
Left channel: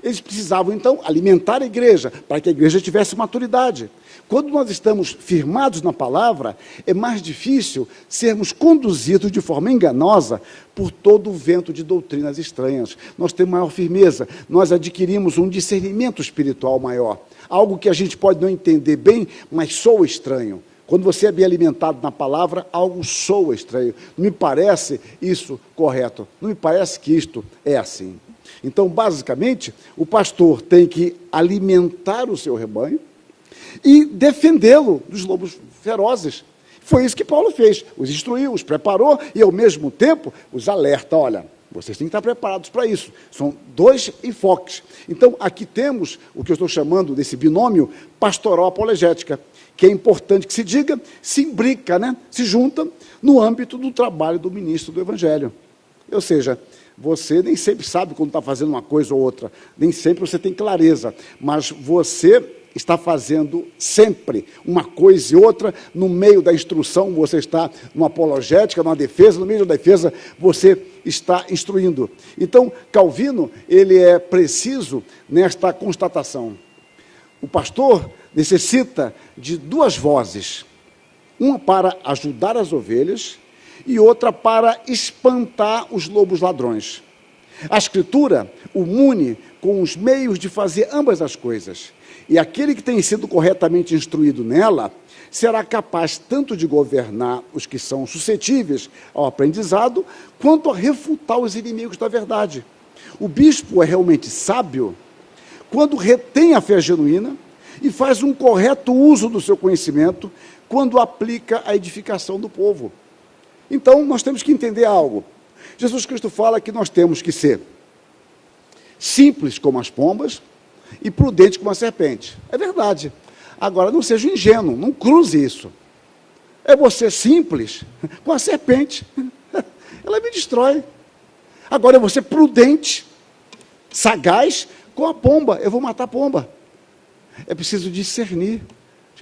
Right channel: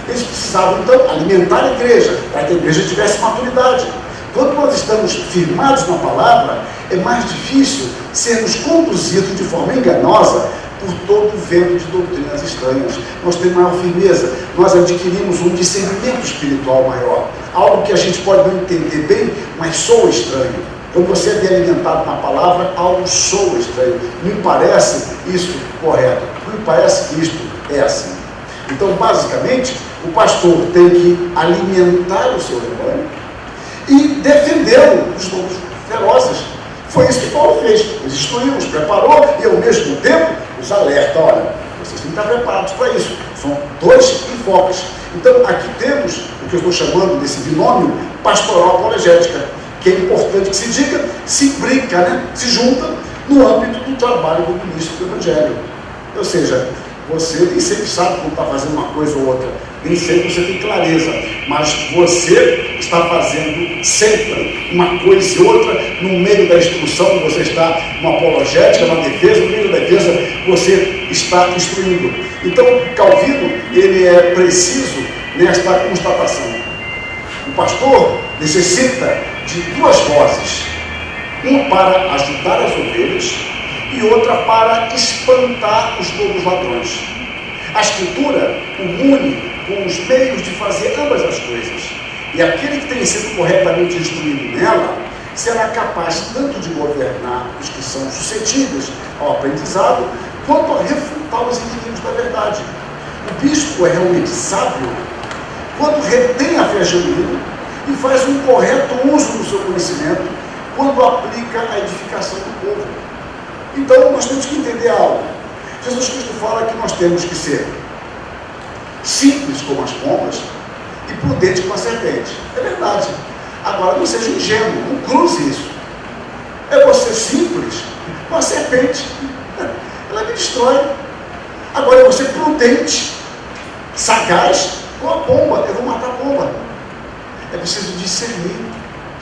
Eles precisavam, então, alimentar a igreja, para que a igreja tivesse maturidade. Quando nós estamos firmados na palavra, é mais difícil sermos conduzidos de forma enganosa por todo o vento de doutrinas estranhas. Nós temos maior firmeza, nós adquirimos um discernimento espiritual maior, algo que a gente pode não entender bem, mas soa estranho. Quando você é bem alimentado na palavra, algo soa estranho. Me parece isso correto, me parece que isto é assim. Então, basicamente, o pastor tem que alimentar o seu rebanho e defendê-lo dos lobos ferozes. Foi isso que Paulo fez. Os instruiu, os preparou e, ao mesmo tempo, os alerta. Olha, vocês têm que estar preparados para isso. São dois enfoques. Então, aqui temos o que eu estou chamando desse binômio pastoral apologética, que é importante que se diga, se brinca, né? Se junta no âmbito do trabalho do ministro do Evangelho. Ou seja, você nem sempre sabe como está fazendo uma coisa ou outra, nem sempre você tem clareza, mas você está fazendo sempre uma coisa e outra no meio da instrução que você está, no apologética, na defesa, no meio da defesa você está instruindo. Então, Calvino, ele é preciso nesta constatação. O pastor necessita de duas vozes, uma para ajudar as ovelhas e outra para espantar os lobos ladrões. A Escritura o une com os meios de fazer ambas as coisas. E aquele que tem sido corretamente instruído nela será capaz tanto de governar os que são suscetíveis ao aprendizado, quanto a refutar os inimigos da verdade. O bispo é realmente sábio quando retém a fé genuína e faz um correto uso do seu conhecimento quando aplica a edificação do povo. Então, nós temos que entender algo. Jesus Cristo fala que nós temos que ser simples como as pombas e prudentes como a serpente. É verdade. Agora, não seja ingênuo, não cruze isso. É você simples com a serpente. Ela me destrói. Agora, é você prudente, sagaz com a pomba. Eu vou matar a pomba. É preciso discernir.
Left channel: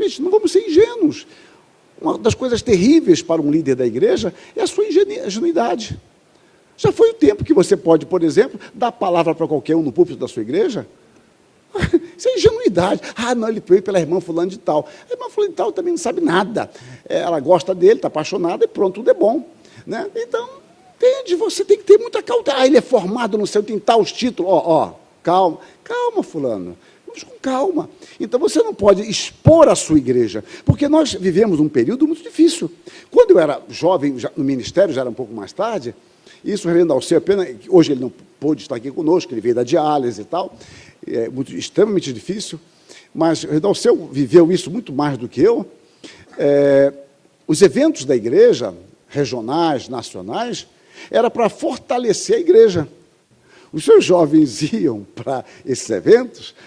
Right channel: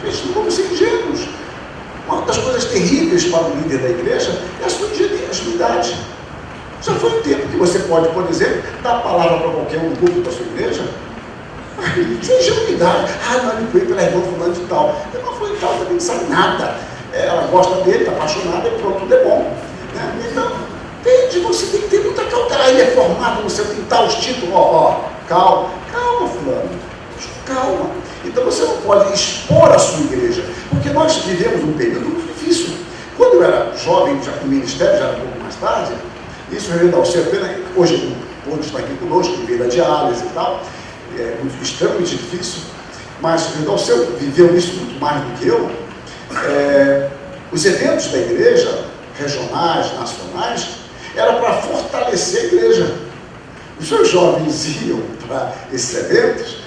Gente, não vamos ser ingênuos. Uma das coisas terríveis para o líder da igreja é a sua ingenuidade. Já foi um tempo que você pode, por exemplo, dar a palavra para qualquer um no público da sua igreja, sem ingenuidade. Não, ele veio pela irmã fulano de tal. A irmã fulano de tal também não sabe nada. Ela gosta dele, está apaixonada e pronto, tudo é bom. Né? Então, entende, você tem que ter muita cautela. Ele é formado, você tem tais títulos. Calma, fulano. Calma. Então você não pode expor a sua igreja, porque nós vivemos um período muito difícil. Quando eu era jovem, já com o ministério, já era um pouco mais tarde, isso é hoje ele pôde estar aqui conosco, ele veio da diálise e tal, é muito, extremamente difícil, mas o Renalceu viveu isso muito mais do que eu. Os eventos da igreja, regionais, nacionais, era para fortalecer a igreja. Os seus jovens iam para esses eventos,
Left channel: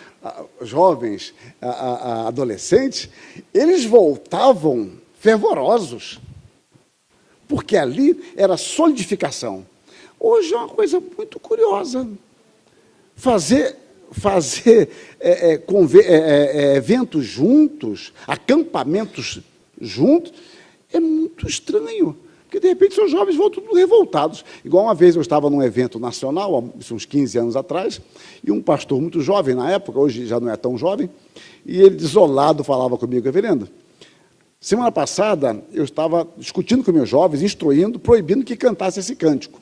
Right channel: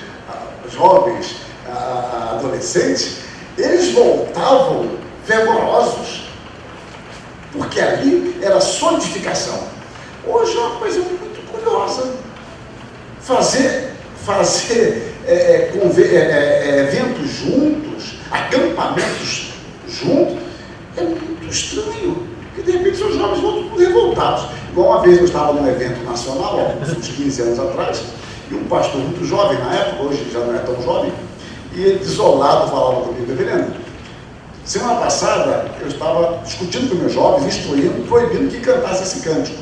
jovens, adolescentes, eles voltavam fervorosos, porque ali era solidificação. Hoje é uma coisa muito curiosa. Fazer eventos juntos, acampamentos juntos, é muito estranho, porque de repente os jovens vão tudo revoltados. Igual uma vez eu estava num evento nacional, uns 15 anos atrás, e um pastor muito jovem na época, hoje já não é tão jovem, e ele desolado falava comigo: reverendo, semana passada eu estava discutindo com meus jovens, instruindo, proibindo que cantasse esse cântico.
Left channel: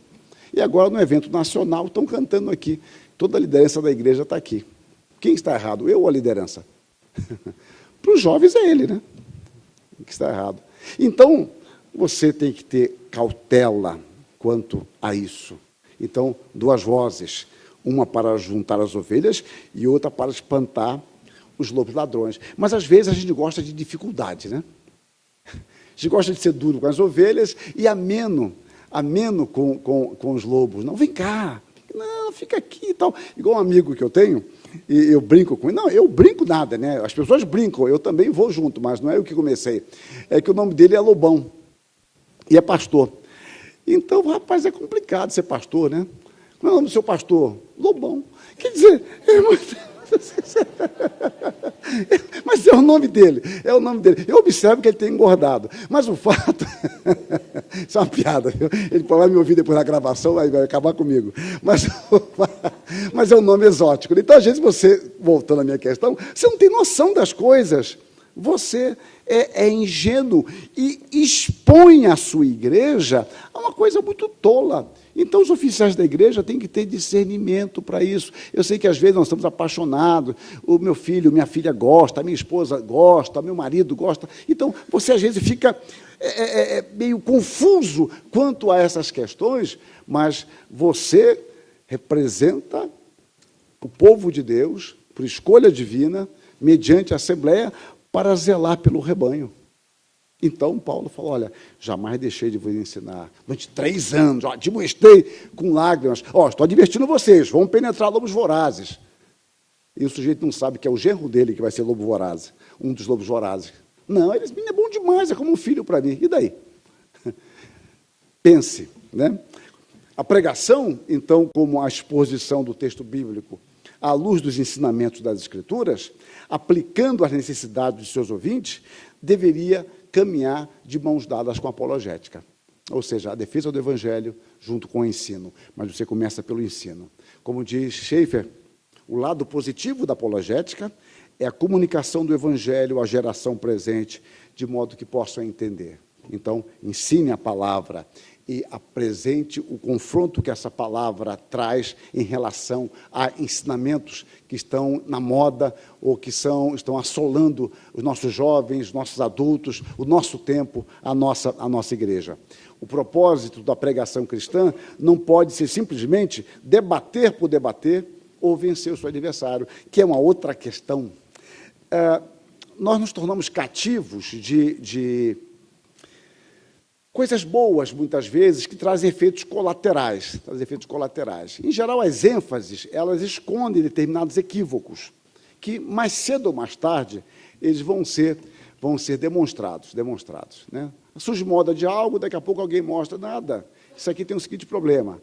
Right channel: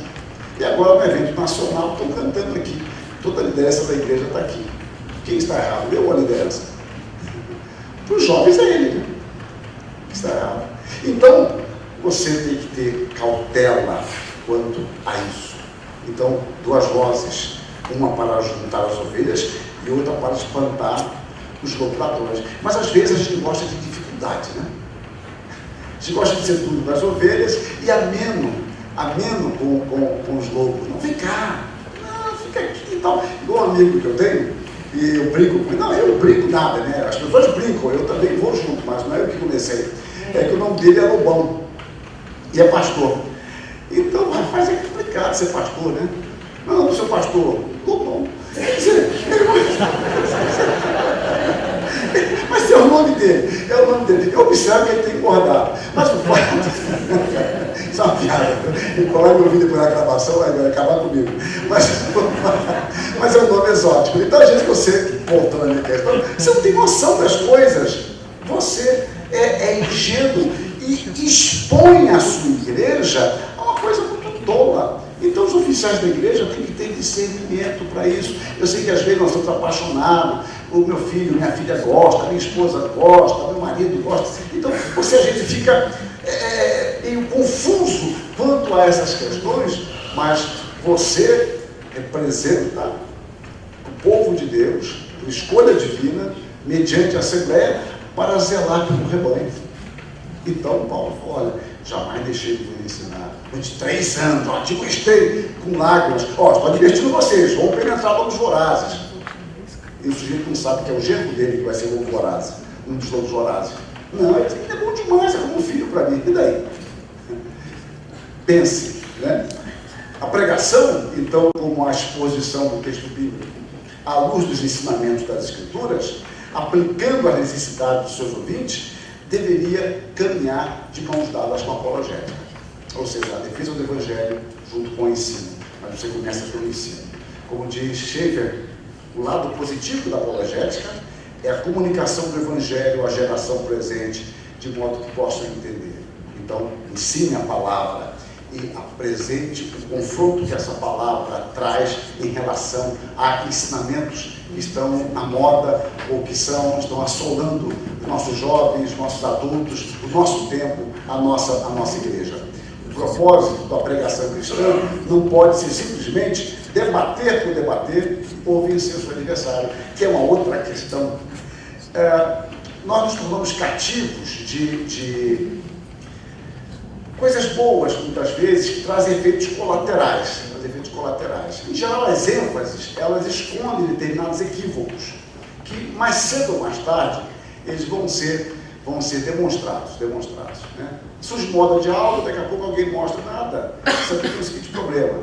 E agora no evento nacional estão cantando aqui. Toda a liderança da igreja está aqui. Quem está errado? Eu ou a liderança? Para os jovens é ele, né? Que está errado. Então, você tem que ter cautela quanto a isso. Então, duas vozes. Uma para juntar as ovelhas e outra para espantar os lobos. Mas às vezes a gente gosta de dificuldades, né? A gente gosta de ser duro com as ovelhas e ameno com os lobos. Não, vem cá, não, fica aqui e tal. Igual um amigo que eu tenho, e eu brinco com ele. Não, eu brinco nada, né? As pessoas brincam, eu também vou junto, mas não é eu que comecei. É que o nome dele é Lobão e é pastor. Então, rapaz, é complicado ser pastor, né? Não, seu pastor, Lobão. Quer dizer, mas é o nome dele, Eu observo que ele tem engordado. Mas o fato, isso é uma piada. Ele coloca o vídeo na gravação, aí vai acabar comigo. Mas é um nome exótico. Então, às vezes você, voltando à minha questão, você não tem noção das coisas. Você é ingênuo e expõe a sua igreja a uma coisa muito tola. Então, os oficiais da igreja têm que ter discernimento para isso. Eu sei que às vezes nós estamos apaixonados, o meu filho, minha filha gosta, minha esposa gosta, meu marido gosta. Então, você às vezes fica meio confuso quanto a essas questões, mas você representa o povo de Deus, por escolha divina, mediante a Assembleia, para zelar pelo rebanho. Então, Paulo falou: olha, jamais deixei de vos ensinar. Durante 3 anos, te mostrei com lágrimas. Estou advertindo vocês, vão penetrar lobos vorazes. e o sujeito não sabe que é o genro dele que vai ser lobo voraz, um dos lobos vorazes. Não, ele é bom demais, é como um filho para mim. E daí? Pense, né? A pregação, então, como a exposição do texto bíblico, à luz dos ensinamentos das Escrituras, aplicando a necessidade dos seus ouvintes, deveria caminhar de mãos dadas com a apologética. Ou seja, a defesa do Evangelho junto com o ensino. Mas você começa pelo ensino. Como diz Schaeffer, o lado positivo da apologética é a comunicação do Evangelho à geração presente, de modo que possam entender. Então, ensine a palavra e apresente o confronto que essa palavra traz em relação a ensinamentos que estão na moda ou que estão assolando os nossos jovens, nossos adultos, o nosso tempo, a nossa igreja. O propósito da pregação cristã não pode ser simplesmente debater por debater ou vencer o seu adversário, que é uma outra questão. Nós nos tornamos cativos de coisas boas, muitas vezes, que trazem efeitos colaterais. Em geral, as ênfases, elas escondem determinados equívocos, que mais cedo ou mais tarde, eles vão ser demonstrados. Né? Surge moda de aula, daqui a pouco alguém mostra nada. Isso aqui tem o seguinte problema.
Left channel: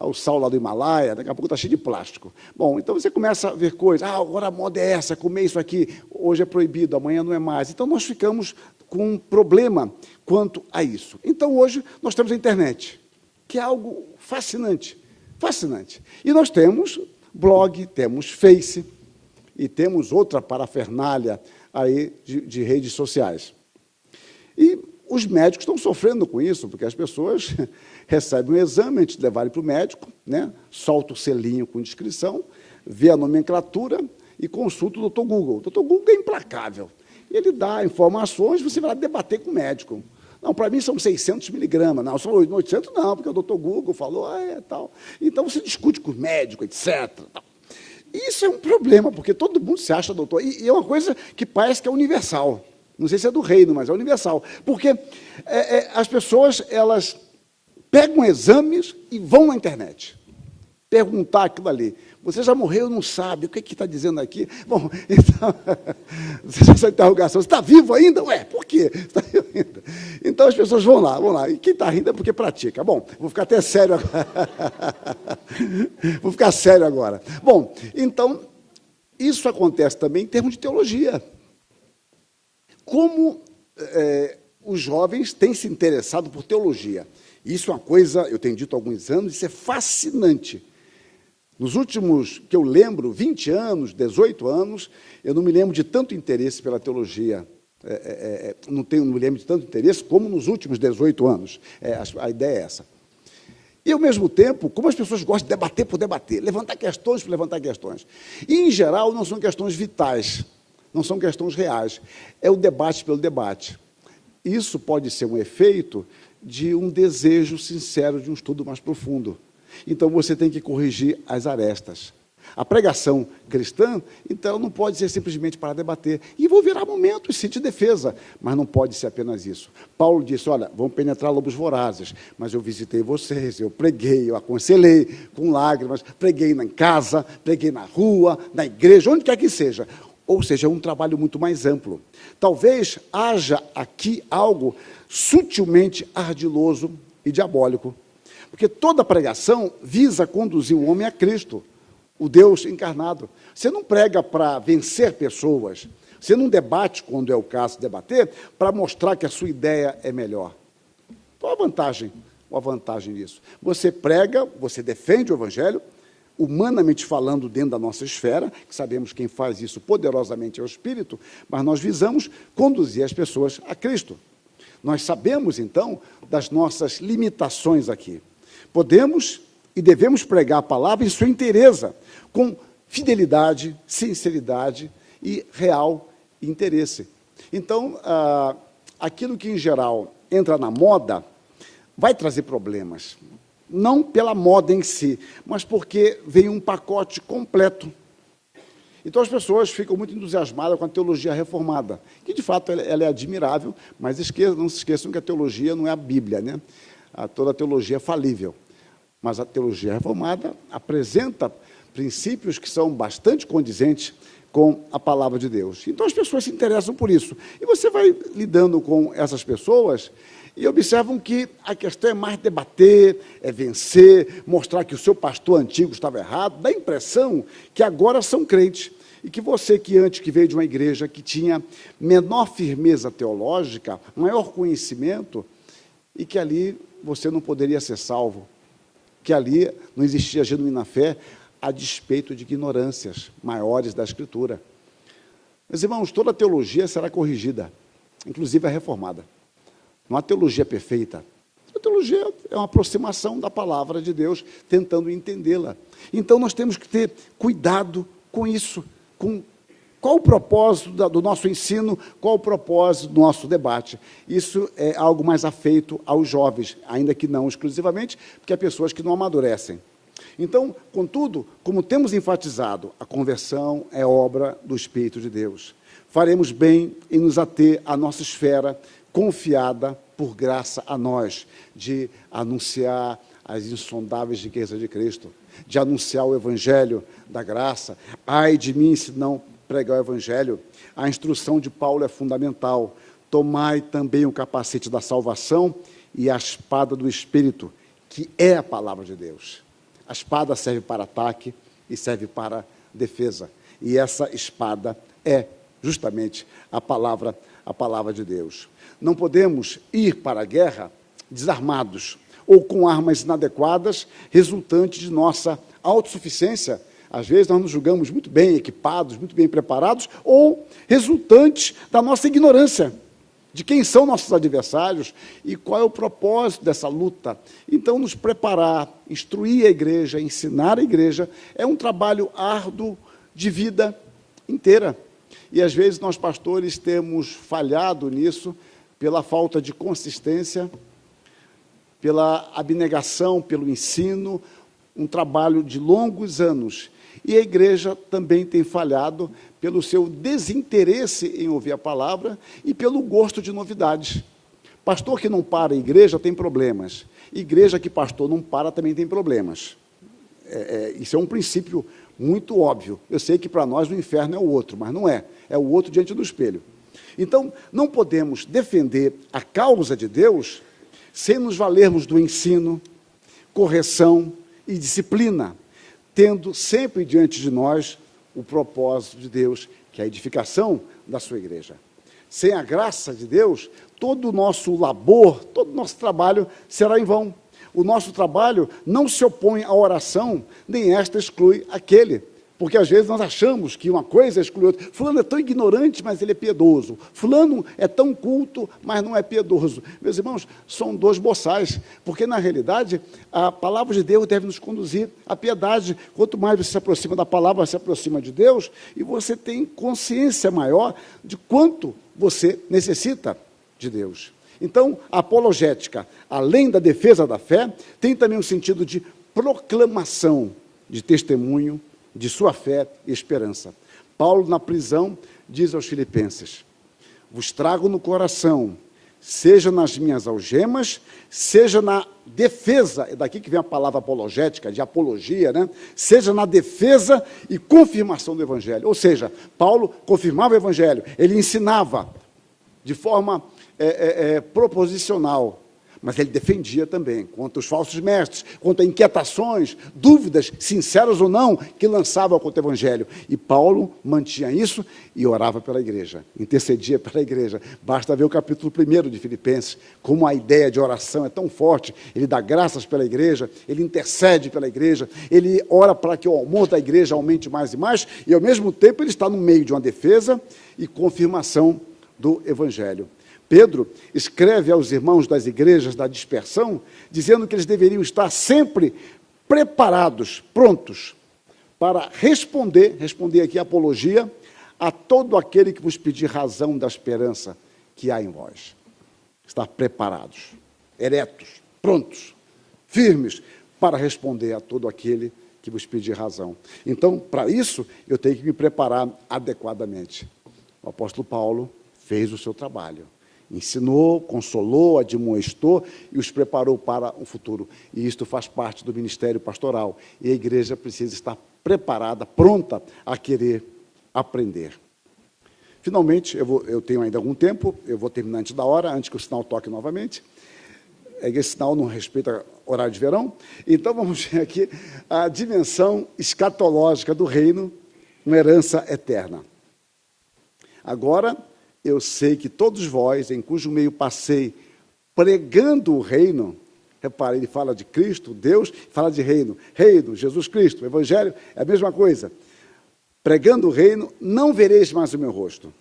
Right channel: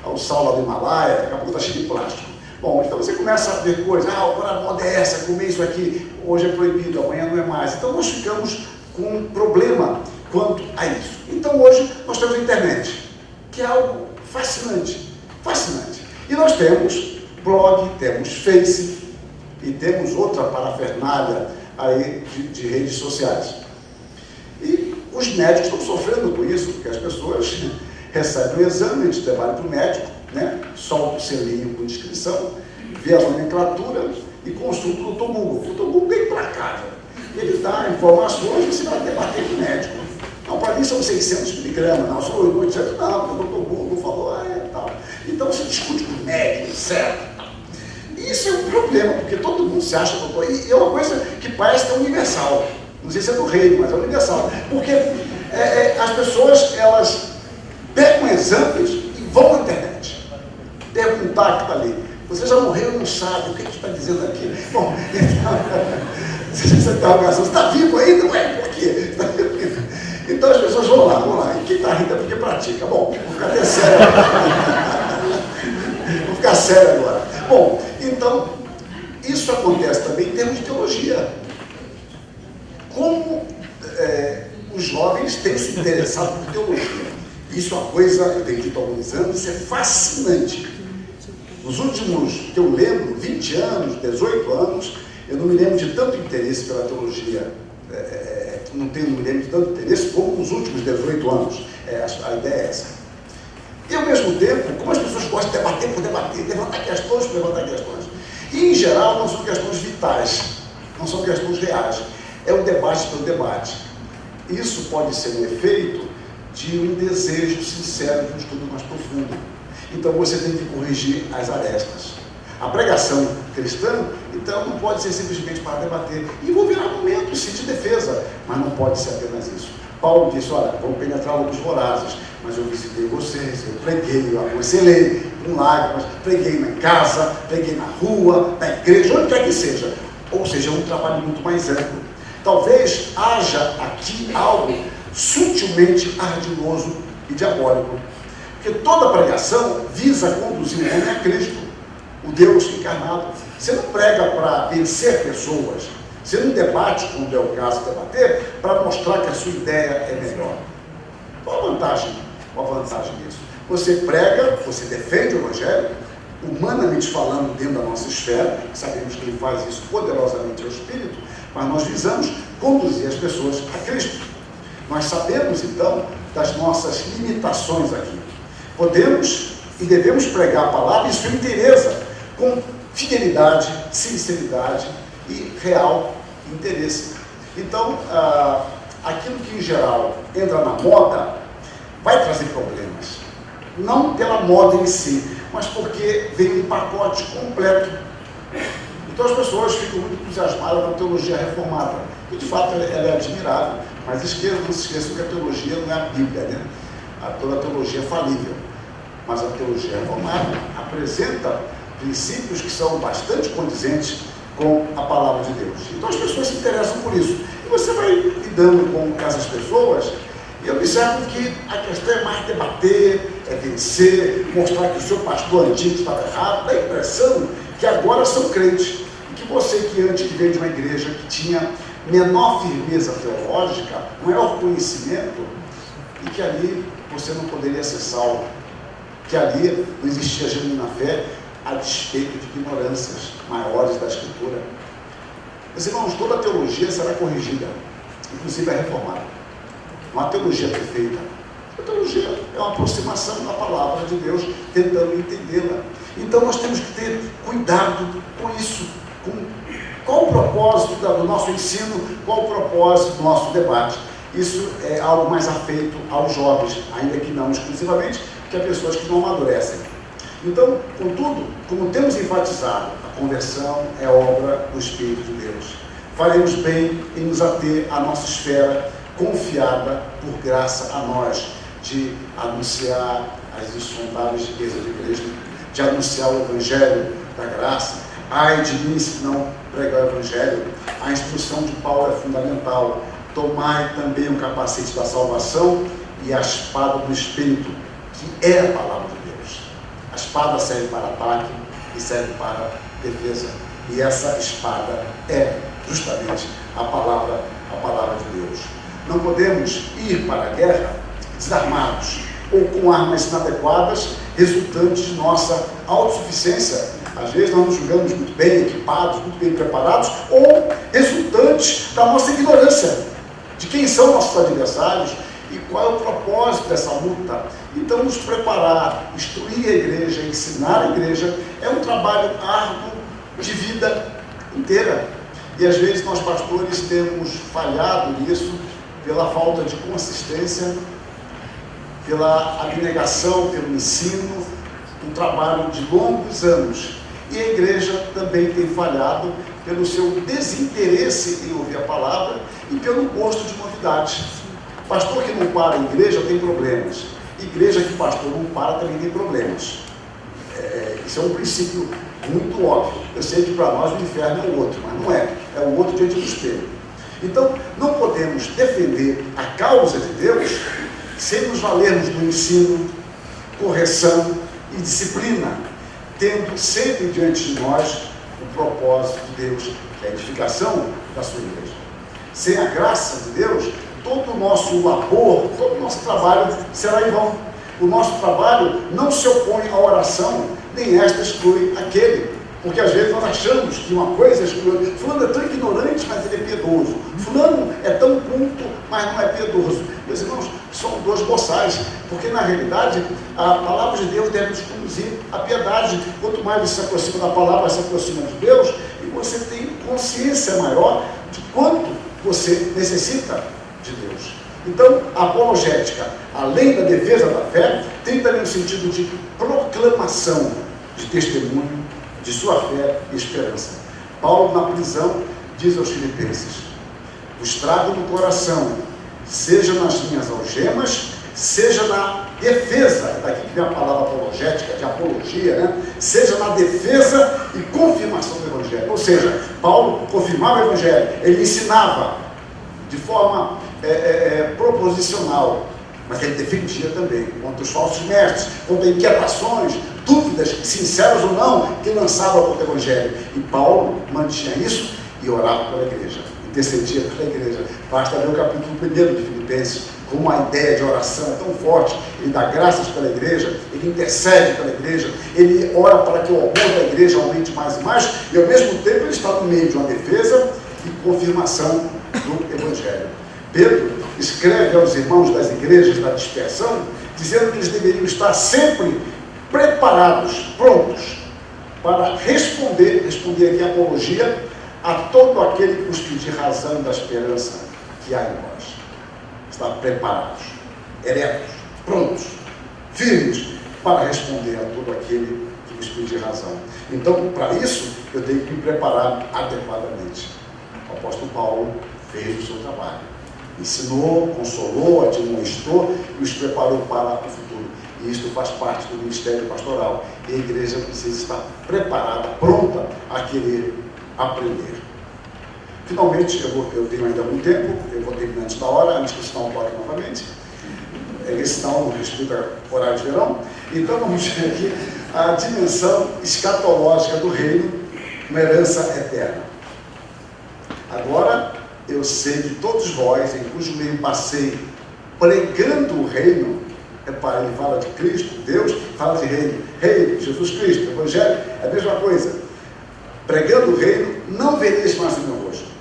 O sal lá do Himalaia, daqui a pouco está cheio de plástico. Bom, então você começa a ver coisas, agora a moda é essa, comer isso aqui, hoje é proibido, amanhã não é mais. Então nós ficamos com um problema quanto a isso. Então hoje nós temos a internet, que é algo fascinante. E nós temos blog, temos Face e temos outra parafernália aí de redes sociais. E os médicos estão sofrendo com isso, porque as pessoas recebem um exame antes de levar para o médico, né? Solta o selinho com inscrição, vê a nomenclatura e consulta o Dr. Google. O Dr. Google é implacável. Ele dá informações e você vai debater com o médico. Não, para mim são 600 miligramas, não, são 800, não, o Dr. Google falou, tal. Então você discute com o médico, etc. E isso é um problema, porque todo mundo se acha doutor. E é uma coisa que parece que é universal. Não sei se é do reino, mas é universal. Porque as pessoas, elas pegam exames e vão à internet. Perguntar aquilo ali. Você já morreu e não sabe o que está dizendo aqui. Bom, então, essa interrogação, você está vivo ainda? Ué, por quê? Então as pessoas vão lá. E quem está rindo é porque pratica. Bom, vou ficar até sério. Vou ficar sério agora. Bom, então, isso acontece também em termos de teologia. Como os jovens têm se interessado por teologia. Isso é uma coisa, eu tenho dito há alguns anos, é fascinante. Nos últimos, que eu lembro, 20 anos, 18 anos, eu não me lembro de tanto interesse pela teologia. Não me lembro de tanto interesse como nos últimos 18 anos. A ideia é essa. E, ao mesmo tempo, como as pessoas gostam de debater por debater, levantar questões por levantar questões. E, em geral, não são questões vitais, não são questões reais. É o debate pelo debate. Isso pode ser um efeito de um desejo sincero de um estudo mais profundo. Então, você tem que corrigir as arestas. A pregação cristã, então, não pode ser simplesmente para debater. Envolver argumentos, sim, de defesa, mas não pode ser apenas isso. Paulo disse, olha, vamos penetrar lobos vorazes, mas eu visitei vocês, eu preguei, eu aconselhei com lágrimas, preguei na casa, preguei na rua, na igreja, onde quer que seja. Ou seja, é um trabalho muito mais amplo. Talvez haja aqui algo sutilmente ardiloso e diabólico. Porque toda pregação visa conduzir o homem a Cristo, o Deus encarnado. Você não prega para vencer pessoas, você não debate, quando é o caso de debater, para mostrar que a sua ideia é melhor. Qual a vantagem? Qual a vantagem disso? Você prega, você defende o Evangelho, humanamente falando, dentro da nossa esfera, sabemos que quem faz isso poderosamente é o Espírito, mas nós visamos conduzir as pessoas a Cristo. Nós sabemos, então, das nossas limitações aqui. Podemos e devemos pregar a palavra em sua inteireza, com fidelidade, sinceridade e real interesse. Então, aquilo que em geral entra na moda vai trazer problemas. Não pela moda em si, mas porque vem um pacote completo. Então as pessoas ficam muito entusiasmadas com a teologia reformada. E de fato ela é admirável, mas não se esqueçam que a teologia não é a Bíblia, né? Toda a teologia é falível. Mas a teologia reformada apresenta princípios que são bastante condizentes com a palavra de Deus. Então as pessoas se interessam por isso. E você vai lidando com essas pessoas e observa que a questão é mais debater, é vencer, mostrar que o seu pastor antigo estava errado. Dá a impressão que agora são crentes. E que você que antes veio de uma igreja que tinha menor firmeza teológica, maior conhecimento, e que ali você não poderia ser salvo, que ali não existia genuína fé, a despeito de ignorâncias maiores da Escritura. Meus irmãos, toda teologia será corrigida, inclusive a reformada. Não há teologia perfeita. A teologia é uma aproximação da palavra de Deus, tentando entendê-la. Então nós temos que ter cuidado com isso. Qual o propósito do nosso ensino? Qual o propósito do nosso debate? Isso é algo mais afeito aos jovens, ainda que não exclusivamente, que a pessoas que não amadurecem. Então, contudo, como temos enfatizado, a conversão é obra do Espírito de Deus. Faremos bem em nos ater à nossa esfera, confiada por graça a nós, de anunciar as insondáveis riquezas de Cristo, de anunciar o Evangelho da graça. Ai de mim se não pregar o Evangelho. A instrução de Paulo é fundamental. Tomai também o capacete da salvação e a espada do Espírito, que é a palavra de Deus. A espada serve para ataque e serve para defesa. E essa espada é justamente a palavra de Deus. Não podemos ir para a guerra desarmados ou com armas inadequadas, resultantes de nossa autossuficiência. Às vezes nós nos julgamos muito bem equipados, muito bem preparados, ou resultantes da nossa ignorância de quem são nossos adversários e qual é o propósito dessa luta. Então, nos preparar, instruir a igreja, ensinar a igreja, é um trabalho árduo de vida inteira. E às vezes nós pastores temos falhado nisso pela falta de consistência, pela abnegação, pelo ensino, um trabalho de longos anos. E a igreja também tem falhado pelo seu desinteresse em ouvir a palavra e pelo gosto de novidades. Pastor que não para a igreja tem problemas. Igreja que pastor não para também tem problemas. Isso é um princípio muito óbvio. Eu sei que para nós o inferno é o outro, mas não é. É o outro diante do espelho. Então, não podemos defender a causa de Deus sem nos valermos do ensino, correção e disciplina, tendo sempre diante de nós o propósito de Deus, que é a edificação da sua igreja. Sem a graça de Deus, todo o nosso labor, todo o nosso trabalho será em vão. O nosso trabalho não se opõe à oração, nem esta exclui aquele. Porque às vezes nós achamos que uma coisa exclui. Fulano é tão ignorante, mas ele é piedoso. Fulano é tão culto, mas não é piedoso. Meus irmãos, são dois boçais, porque na realidade a palavra de Deus deve nos conduzir à piedade. Quanto mais você se aproxima da palavra, se aproxima de Deus, e você tem consciência maior de quanto você necessita de Deus. Então, a apologética, além da defesa da fé, tem também o sentido de proclamação, de testemunho de sua fé e esperança. Paulo, na prisão, diz aos filipenses: vos trago no coração, seja nas minhas algemas, seja na defesa, daqui que vem a palavra apologética, de apologia, né? Seja na defesa e confirmação do Evangelho. Ou seja, Paulo confirmava o Evangelho, ele ensinava de forma proposicional, mas ele defendia também contra os falsos mestres, contra inquietações, dúvidas, sinceras ou não, que lançavam contra o Evangelho. E Paulo mantinha isso e orava pela igreja, intercedia pela igreja. Basta ver o capítulo 1 de Filipenses, como a ideia de oração é tão forte. Ele dá graças pela igreja, ele intercede pela igreja, ele ora para que o amor da igreja aumente mais e mais, e ao mesmo tempo ele está no meio de uma defesa e confirmação do Evangelho. Pedro escreve aos irmãos das igrejas da dispersão, dizendo que eles deveriam estar sempre preparados, prontos, para responder aqui a apologia a todo aquele que nos pedir razão da esperança que há em nós. Estar preparados, eretos, prontos, firmes, para responder a todo aquele que nos pedir razão. Então, para isso, eu tenho que me preparar adequadamente. O apóstolo Paulo fez o seu trabalho. ensinou, consolou, admoestou e os preparou para o futuro. E isso faz parte do ministério pastoral. E a igreja precisa estar preparada, pronta a querer aprender. Finalmente, eu tenho ainda algum tempo, eu vou terminar antes da hora, antes que o sinal toque novamente. Esse sinal não respeita horário de verão. Então, vamos ver aqui a dimensão escatológica do reino, uma herança eterna. Agora, eu sei que todos vós, em cujo meio passei, pregando o reino, reparem, ele fala de Cristo, Deus, fala de reino, Jesus Cristo, Evangelho, é a mesma coisa. Pregando o reino, não vereis mais o meu rosto.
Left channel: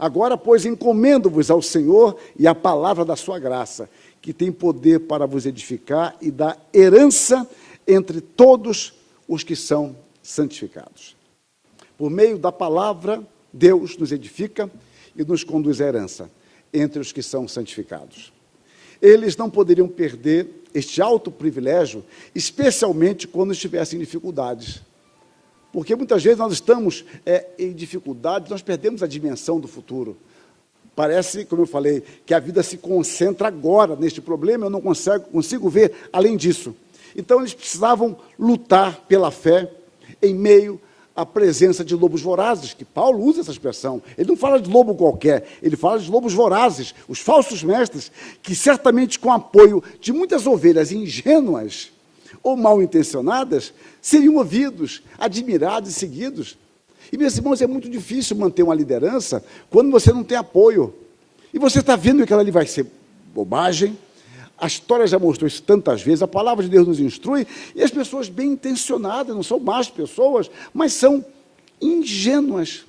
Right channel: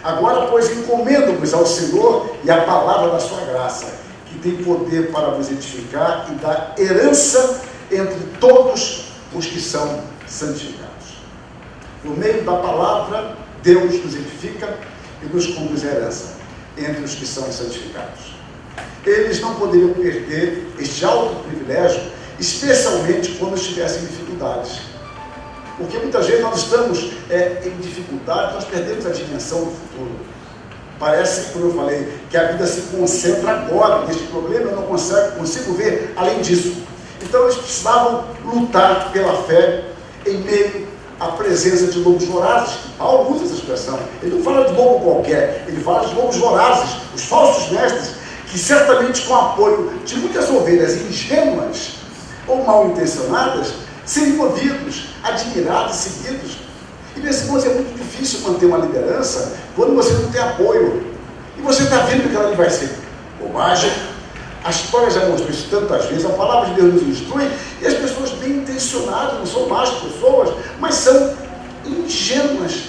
Agora, pois, encomendo-vos ao Senhor e à palavra da sua graça, que tem poder para vos edificar e dar herança entre todos os que são santificados. Por meio da palavra, Deus nos edifica e nos conduz à herança entre os que são santificados. Eles não poderiam perder este alto privilégio, especialmente quando estivessem em dificuldades. Porque muitas vezes nós estamos em dificuldade, nós perdemos a dimensão do futuro. Parece, como eu falei, que a vida se concentra agora neste problema, eu não consigo ver além disso. Então eles precisavam lutar pela fé em meio à presença de lobos vorazes. Paulo usa essa expressão. Ele não fala de lobo qualquer, ele fala de lobos vorazes, os falsos mestres, que certamente com apoio de muitas ovelhas ingênuas ou mal intencionadas, seriam movidos, admirados, seguidos. E, meus irmãos, é muito difícil manter uma liderança quando você não tem apoio. E você está vendo que ela ali vai ser bobagem. A história já mostrou isso tantas vezes, a palavra de Deus nos instrui, e as pessoas bem intencionadas, não são más pessoas, mas são ingênuas.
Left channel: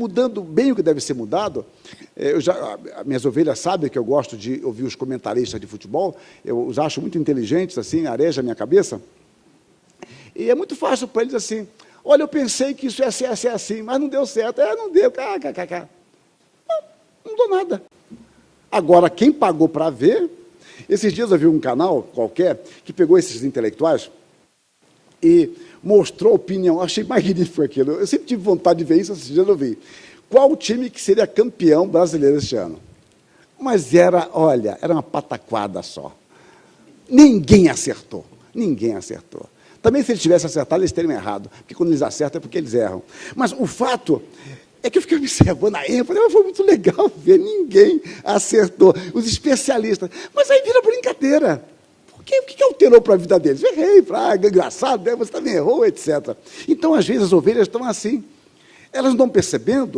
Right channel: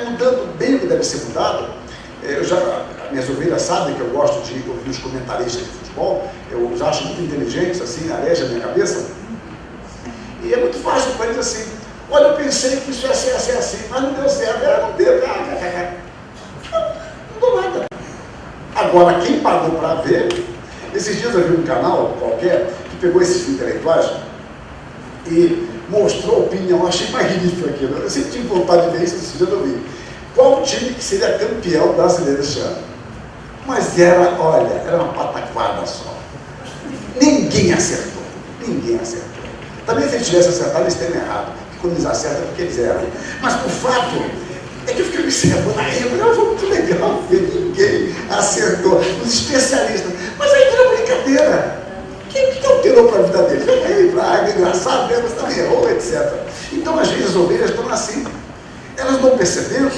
Mudando bem o que deve ser mudado, minhas ovelhas sabem que eu gosto de ouvir os comentaristas de futebol, eu os acho muito inteligentes, assim, areja na minha cabeça, e é muito fácil para eles assim, olha, eu pensei que isso ia ser assim, mas não deu certo, não deu, não deu nada. Agora, quem pagou para ver, esses dias eu vi um canal qualquer, que pegou esses intelectuais e mostrou a opinião, eu achei magnífico aquilo, eu sempre tive vontade de ver isso, esses dias eu vi. Qual o time que seria campeão brasileiro esse ano? Mas era uma pataquada só. Ninguém acertou. Também se eles tivessem acertado, eles teriam errado. Porque quando eles acertam, é porque eles erram. Mas o fato é que eu fiquei observando, foi muito legal ver, ninguém acertou. Os especialistas. Mas aí era brincadeira. O que alterou para a vida deles? É engraçado, eles também errou, etc. Então, às vezes, as ovelhas estão assim. Elas não perceberam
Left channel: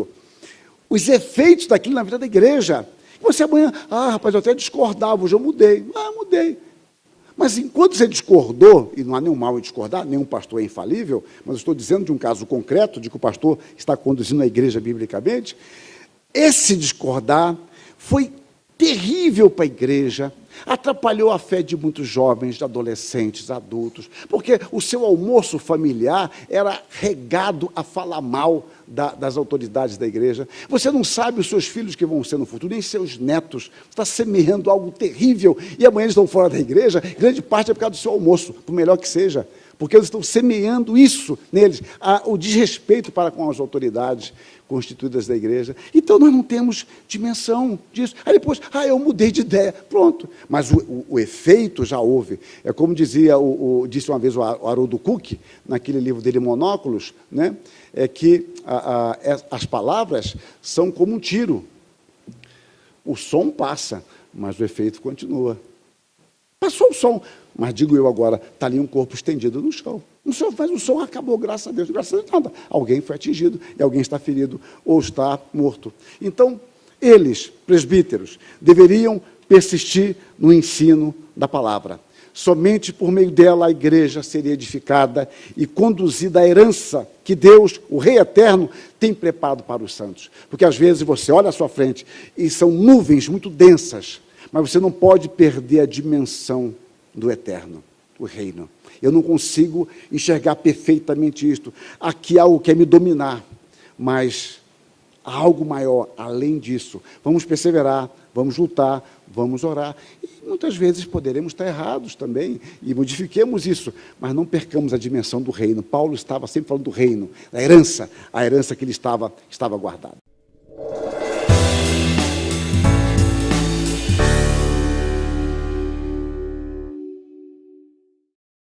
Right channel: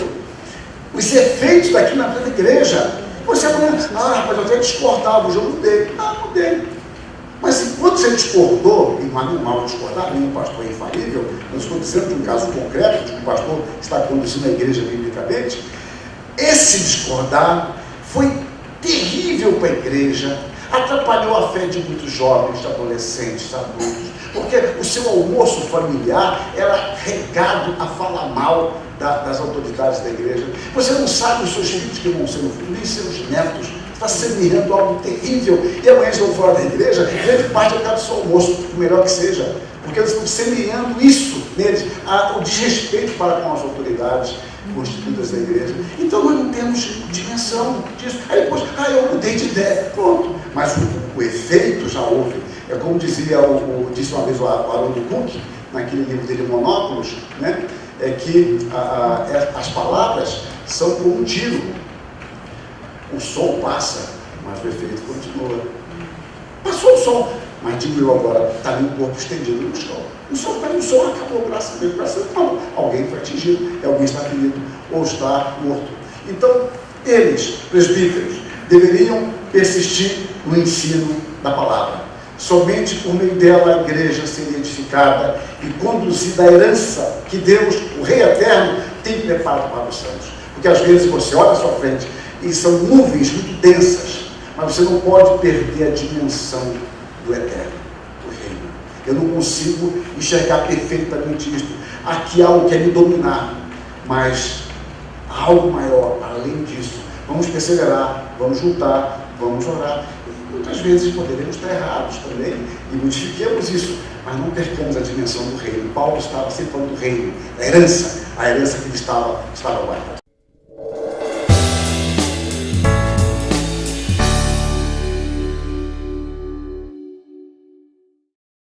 os efeitos daqui na vida da igreja. Você conhece, rapaz, eu quero discordar do jogo dele. Não dei. Mas enquanto você discordou, e não há nenhum mal discordar, nenhum pastor é infalível, eu estou dizendo de um caso concreto, de que o pastor está conduzindo a igreja biblicamente, esse discordar foi terrível para a igreja, atrapalhou a fé de muitos jovens, adolescentes, adultos, porque o seu almoço familiar era regado a falar mal das autoridades da igreja. Você não sabe os seus filhos que vão ser no futuro, nem seus netos. Está semeando algo terrível. E amanhã eles vão fora da igreja, grande parte acaba do seu almoço, o melhor que seja. Porque eles estão semeando isso neles, o desrespeito para com as autoridades constituídas da igreja. Então nós não temos dimensão disso. Aí depois, eu mudei de ideia. Pronto. Mas o efeito já houve. É como disse uma vez o Haroldo Cook, naquele livro dele, Monóculos, né? É que as palavras são como um tiro. O som passa, mas o efeito continua. Passou o som, mas digo eu agora, está no corpo estendido no chão. O som acabou, graças a Deus, não. Alguém foi atingido, alguém está ferido ou está morto. Então, eles, presbíteros, deveriam persistir no ensino da palavra. Somente por meio dela a igreja seria edificada e conduzida à herança que Deus, o Rei Eterno, tem preparado para os santos. Porque às vezes você olha à sua frente e são nuvens muito densas, mas você não pode perder a dimensão do Eterno, do Reino. Eu não consigo enxergar perfeitamente isso. Aqui há algo que quer me dominar, mas há algo maior, além disso. Vamos perseverar, vamos juntar, vamos orar. Muitas vezes poderemos estar errados também, e modifiquemos isso, mas não percamos a dimensão do reino. Paulo estava sempre falando do reino, a herança que ele estava guardando.